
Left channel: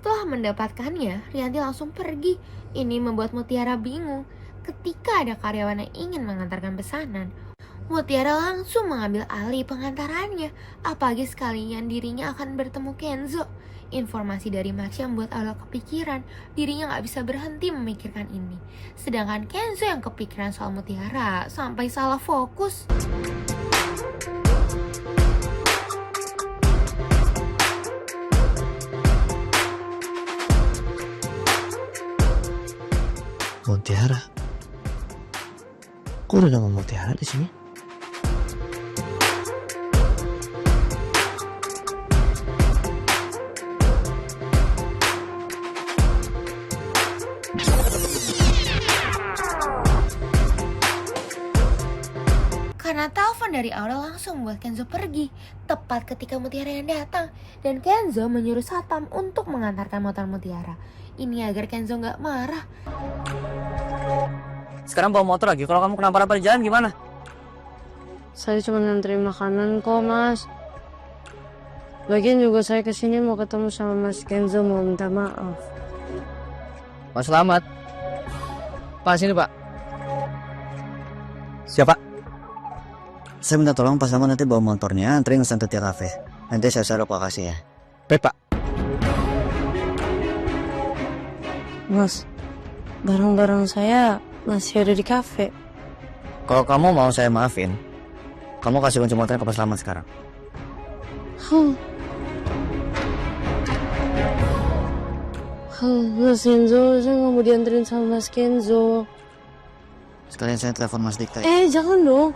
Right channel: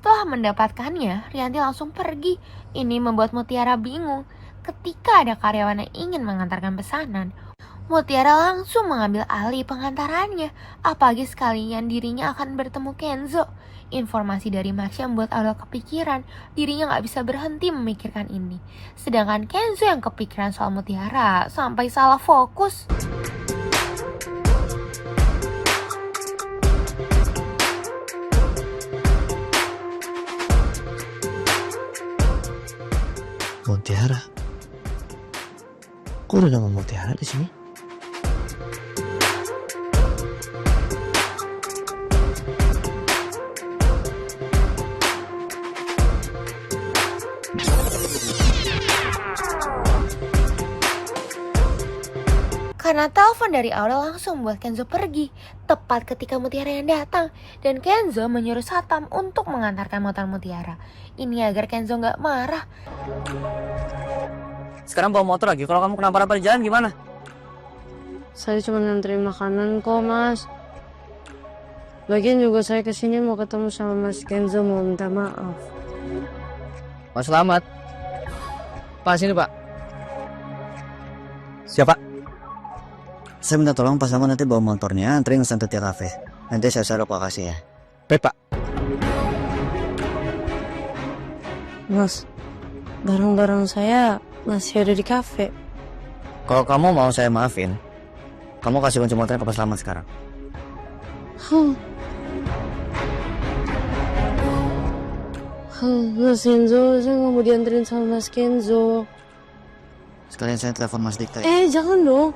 Setelah mendapatkannya, Rianti langsung pergi. Ini membuat Mutiara bingung. Ketika ada karyawan yang ingin mengantarkan pesanan, Mutiara langsung mengambil alih pengantarannya. Apalagi sekalian dirinya akan bertemu Kenzo. Informasi dari Marsha membuat Aurel kepikiran. Dirinya gak bisa berhenti memikirkan ini. Sedangkan Kenzo yang kepikiran soal Mutiara sampai salah fokus. Mutiara. Kok udah nama Mutiara di sini? Karena telepon dari Aurel langsung membuat Kenzo pergi tepat ketika Mutiara yang datang, dan Kenzo menyuruh Satam untuk mengantarkan motor Mutiara. Ini agar Kenzo nggak marah. Sekarang bawa motor lagi. Kalau kamu kenapa-napa di jalan gimana? Saya cuma nganterin makanan kok mas. Lagian juga saya kesini mau ketemu sama Mas Kenzo, mau minta maaf. Mas Selamat. Pak, sini pak. Siapa? Saya minta tolong Pak Selamat nanti bawa motornya anterin ke Santa Tia Cafe. Nanti saya share lokasi ya. Baik pak. Mas, barang-barang saya masih ada di kafe. Kalau kamu mau saya maafin, kamu kasih kunci motornya ke Pak Selamat sekarang. Mas Kenzo, saya nggak mau dianterin sama Mas Kenzo. Sekalian saya telepon Mas Dikta. Jangan dong.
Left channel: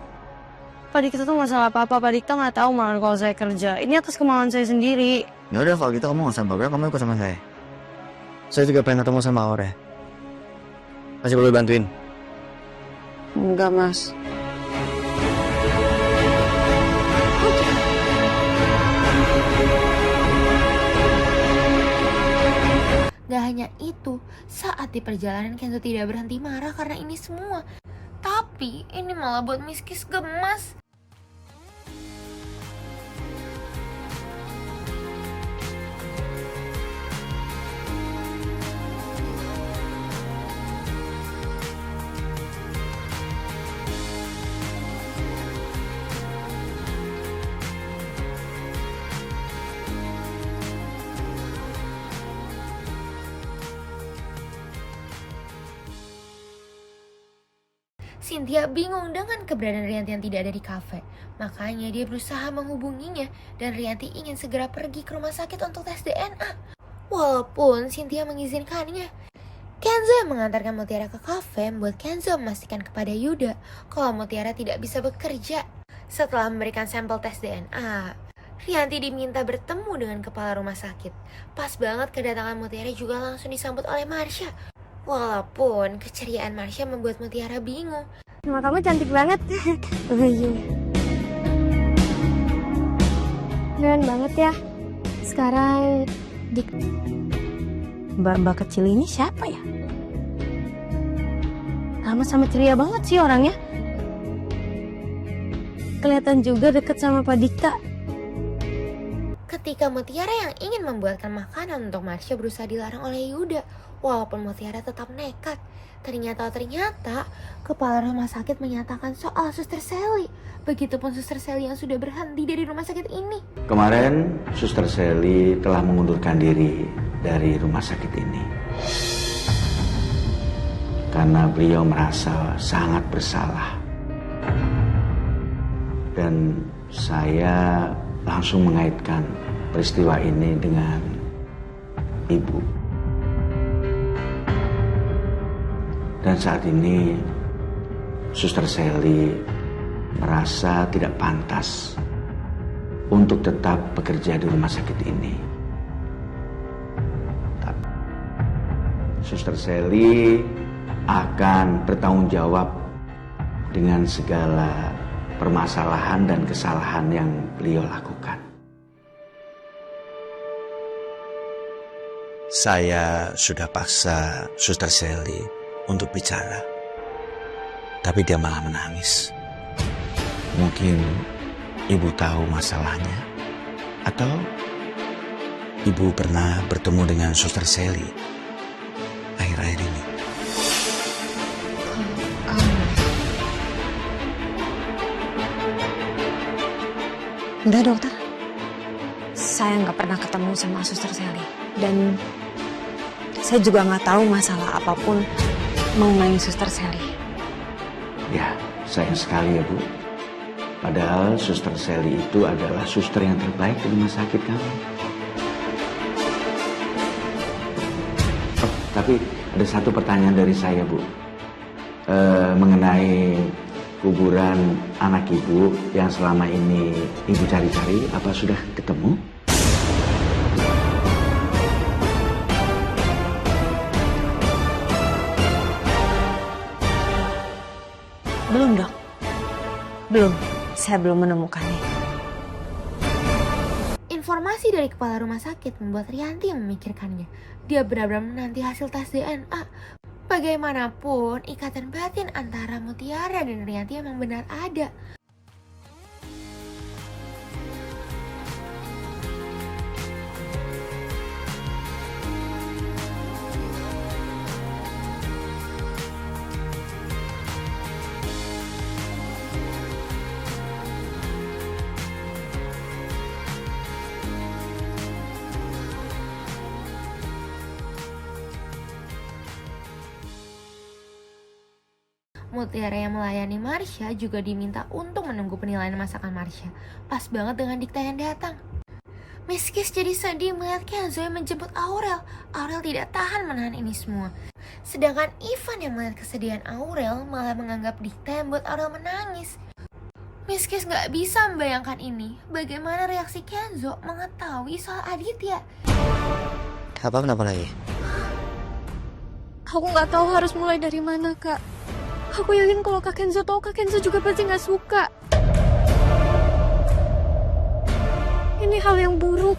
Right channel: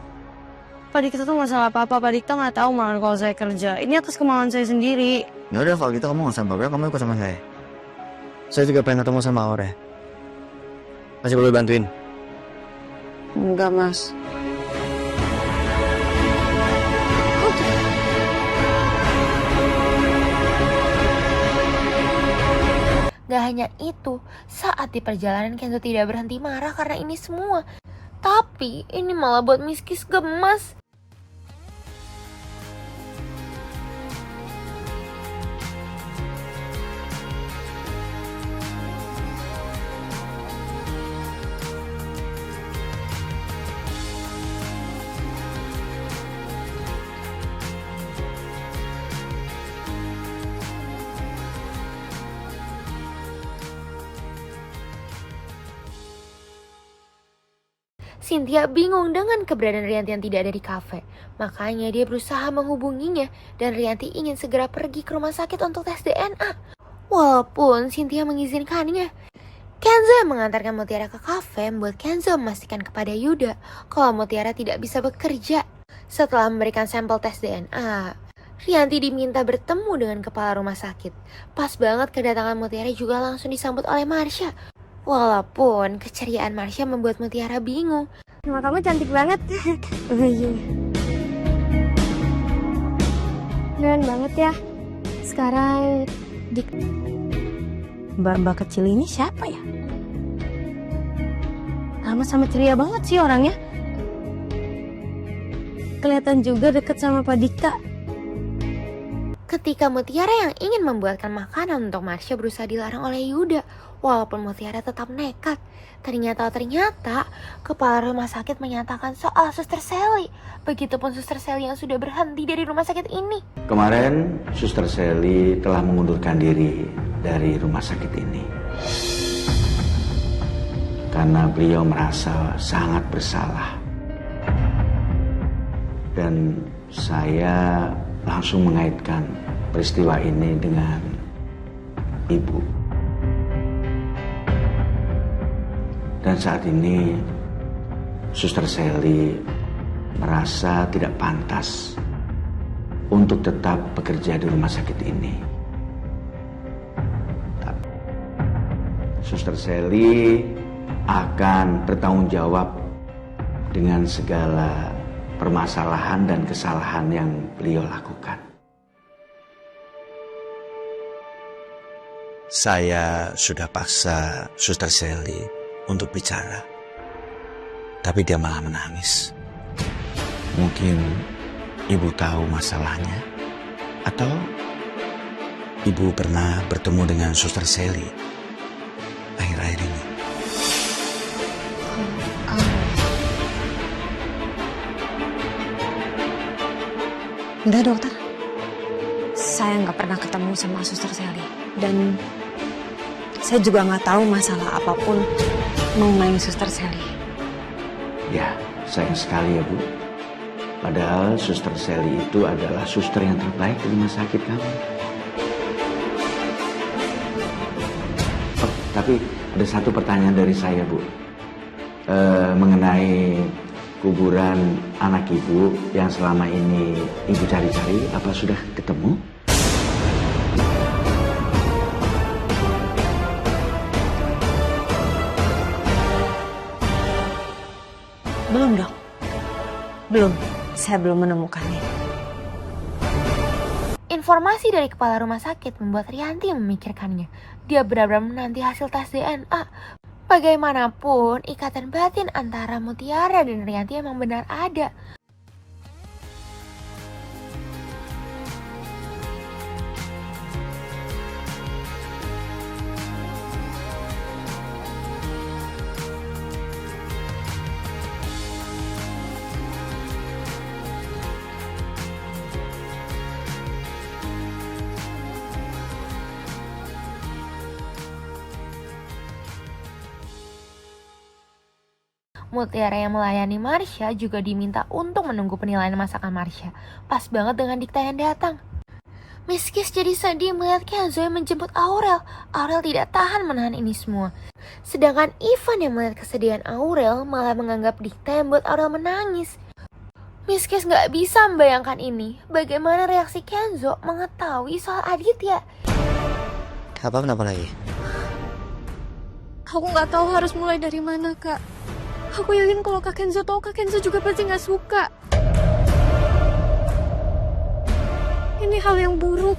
Pak Dikta tuh masalah apa-apa. Pak Dikta nggak tahu malah kalau saya kerja. Ini atas kemauan saya sendiri. Ya udah kalau gitu kamu nggak usah bawa, kamu ikut sama saya. Saya juga pengen ketemu sama Aurel. Masih boleh bantuin? Enggak mas. Gak hanya itu, saat di perjalanan Kenzo tidak berhenti marah karena ini semua. Tapi ini malah buat Miskis gemas. Cynthia bingung dengan keberadaan Rianti yang tidak ada di kafe. Makanya dia berusaha menghubunginya dan Rianti ingin segera pergi ke rumah sakit untuk tes DNA. Walaupun Cynthia mengizinkannya. Kenzo yang mengantarkan Mutiara ke kafe membuat Kenzo memastikan kepada Yuda kalau Mutiara tidak bisa bekerja. Setelah memberikan sampel tes DNA, Rianti diminta bertemu dengan kepala rumah sakit. Pas banget kedatangan Mutiara juga langsung disambut oleh Marsha. Walaupun keceriaan Marsha membuat Mutiara bingung. Nama kamu cantik banget. Keren banget ya. Sekarang Mbak kecil ini siapa ya? Ramah sama ceria banget sih orangnya. Kelihatan juga deket sama Pak Dikta. Ketika Mutiara yang ingin membuatkan makanan untuk Marsha berusaha dilarang oleh Yuda. Walaupun Mutiara tetap nekat. Ternyata kepala rumah sakit menyatakan soal Suster Sally. Begitupun Suster Sally yang sudah berhenti dari rumah sakit ini. Kemarin Suster Sally telah mengundurkan diri dari rumah sakit ini. Karena beliau merasa sangat bersalah. Dan saya langsung mengaitkan peristiwa ini dengan Ibu. Dan saat ini Suster Sally merasa tidak pantas untuk tetap bekerja di rumah sakit ini. Suster Sally akan bertanggung jawab dengan segala permasalahan dan kesalahan yang beliau lakukan. Saya sudah paksa Suster Sally untuk bicara, tapi dia malah menangis. Mungkin Ibu tahu masalahnya, atau Ibu pernah bertemu dengan Suster Sally akhir-akhir ini. Enggak, dokter. Saya nggak pernah ketemu sama Suster Sally. Dan saya juga nggak tahu masalah apapun mengenai Suster Sally. Ya, sayang sekali ya Bu. Padahal Suster Sally itu adalah suster yang terbaik di rumah sakit kamu. Oh, tapi ada satu pertanyaan dari saya Bu. Mengenai kuburan anak Ibu yang selama ini Ibu cari-cari, apa sudah ketemu? Belum, Dok. Belum. Saya belum menemukannya. Informasi dari kepala rumah sakit membuat Rianti memikirkannya. Dia benar-benar menanti hasil tes DNA. Bagaimanapun, ikatan batin antara Mutiara dan Rianti memang benar ada. Mutiara yang melayani Marsha juga diminta untuk menunggu penilaian masakan Marsha. Pas banget dengan Dikta yang datang. Miss Kiss jadi sedih melihat Kenzo yang menjemput Aurel. Aurel tidak tahan menahan ini semua. Sedangkan Ivan yang melihat kesedihan Aurel malah menganggap Dikta yang membuat Aurel menangis. Miss Kiss gak bisa membayangkan ini. Bagaimana reaksi Kenzo mengetahui soal Aditya. Kenapa lagi? Aku nggak tahu harus mulai dari mana, Kak. Aku yakin kalau Kak Kenzo tahu, Kak Kenzo juga pasti nggak suka. Ini hal yang buruk.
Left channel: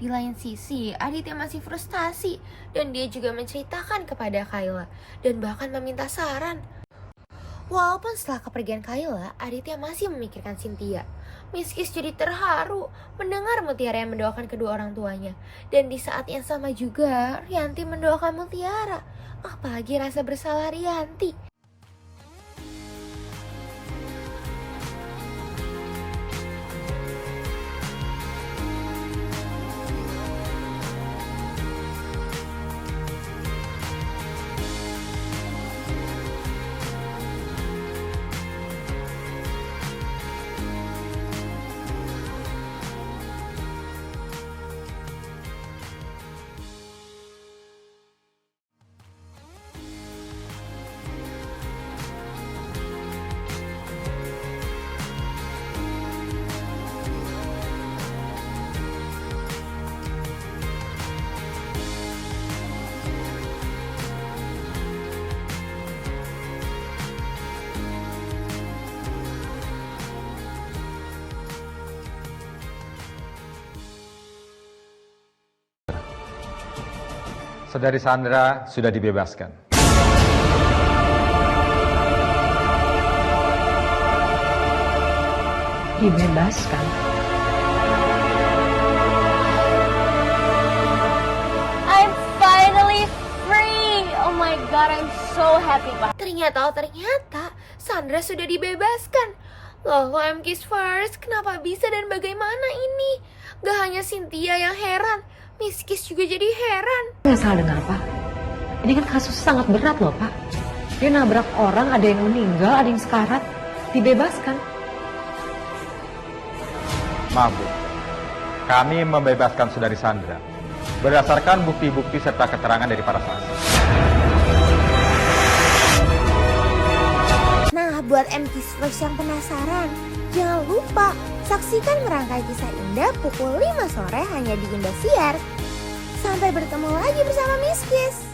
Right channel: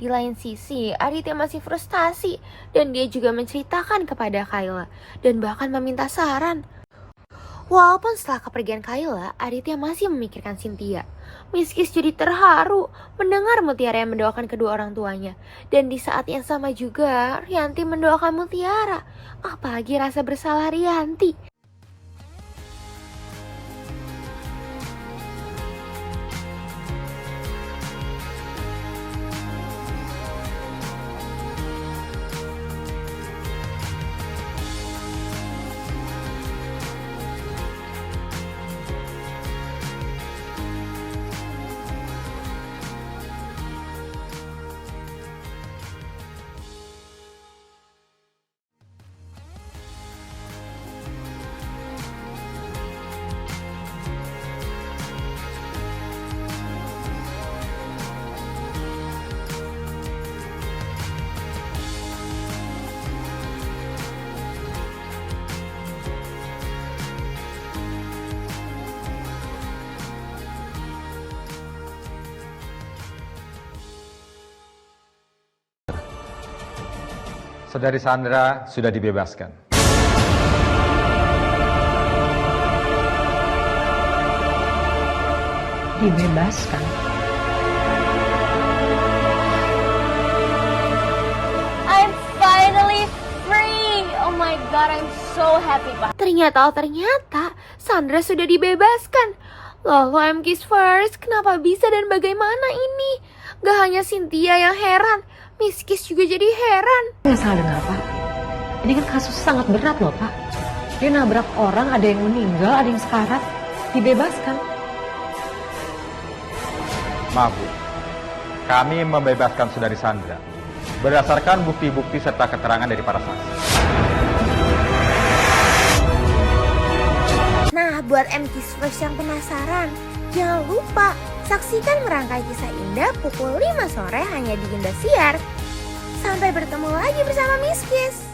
Di lain sisi, Aditya masih frustasi dan dia juga menceritakan kepada Kayla dan bahkan meminta saran. Walaupun setelah kepergian Kayla, Aditya masih memikirkan Cynthia. Miss Kiss jadi terharu mendengar Mutiara yang mendoakan kedua orang tuanya. Dan di saat yang sama juga, Rianti mendoakan Mutiara. Apalagi rasa bersalah Rianti. Saudari Sandra sudah dibebaskan. Dibebaskan? I'm finally free. Oh my god, I'm so happy, Pak. Ternyata Sandra sudah dibebaskan. Loh, MKiss First, kenapa bisa dan bagaimana ini? Gak hanya Cynthia yang heran, Miss Kiss juga jadi heran. Nggak salah dengar, Pak. Ini kan kasus sangat berat loh, Pak. Dia nabrak orang, ada yang meninggal, ada yang sekarat. Dibebaskan. Maaf, Bu. Kami membebaskan Saudari Sandra berdasarkan bukti-bukti serta keterangan dari para saksi. Nah, buat MKiss First yang penasaran, jangan lupa saksikan Merangkai Kisah Indah pukul 5 sore hanya di Indosiar. Sampai bertemu lagi bersama Miss Kiss.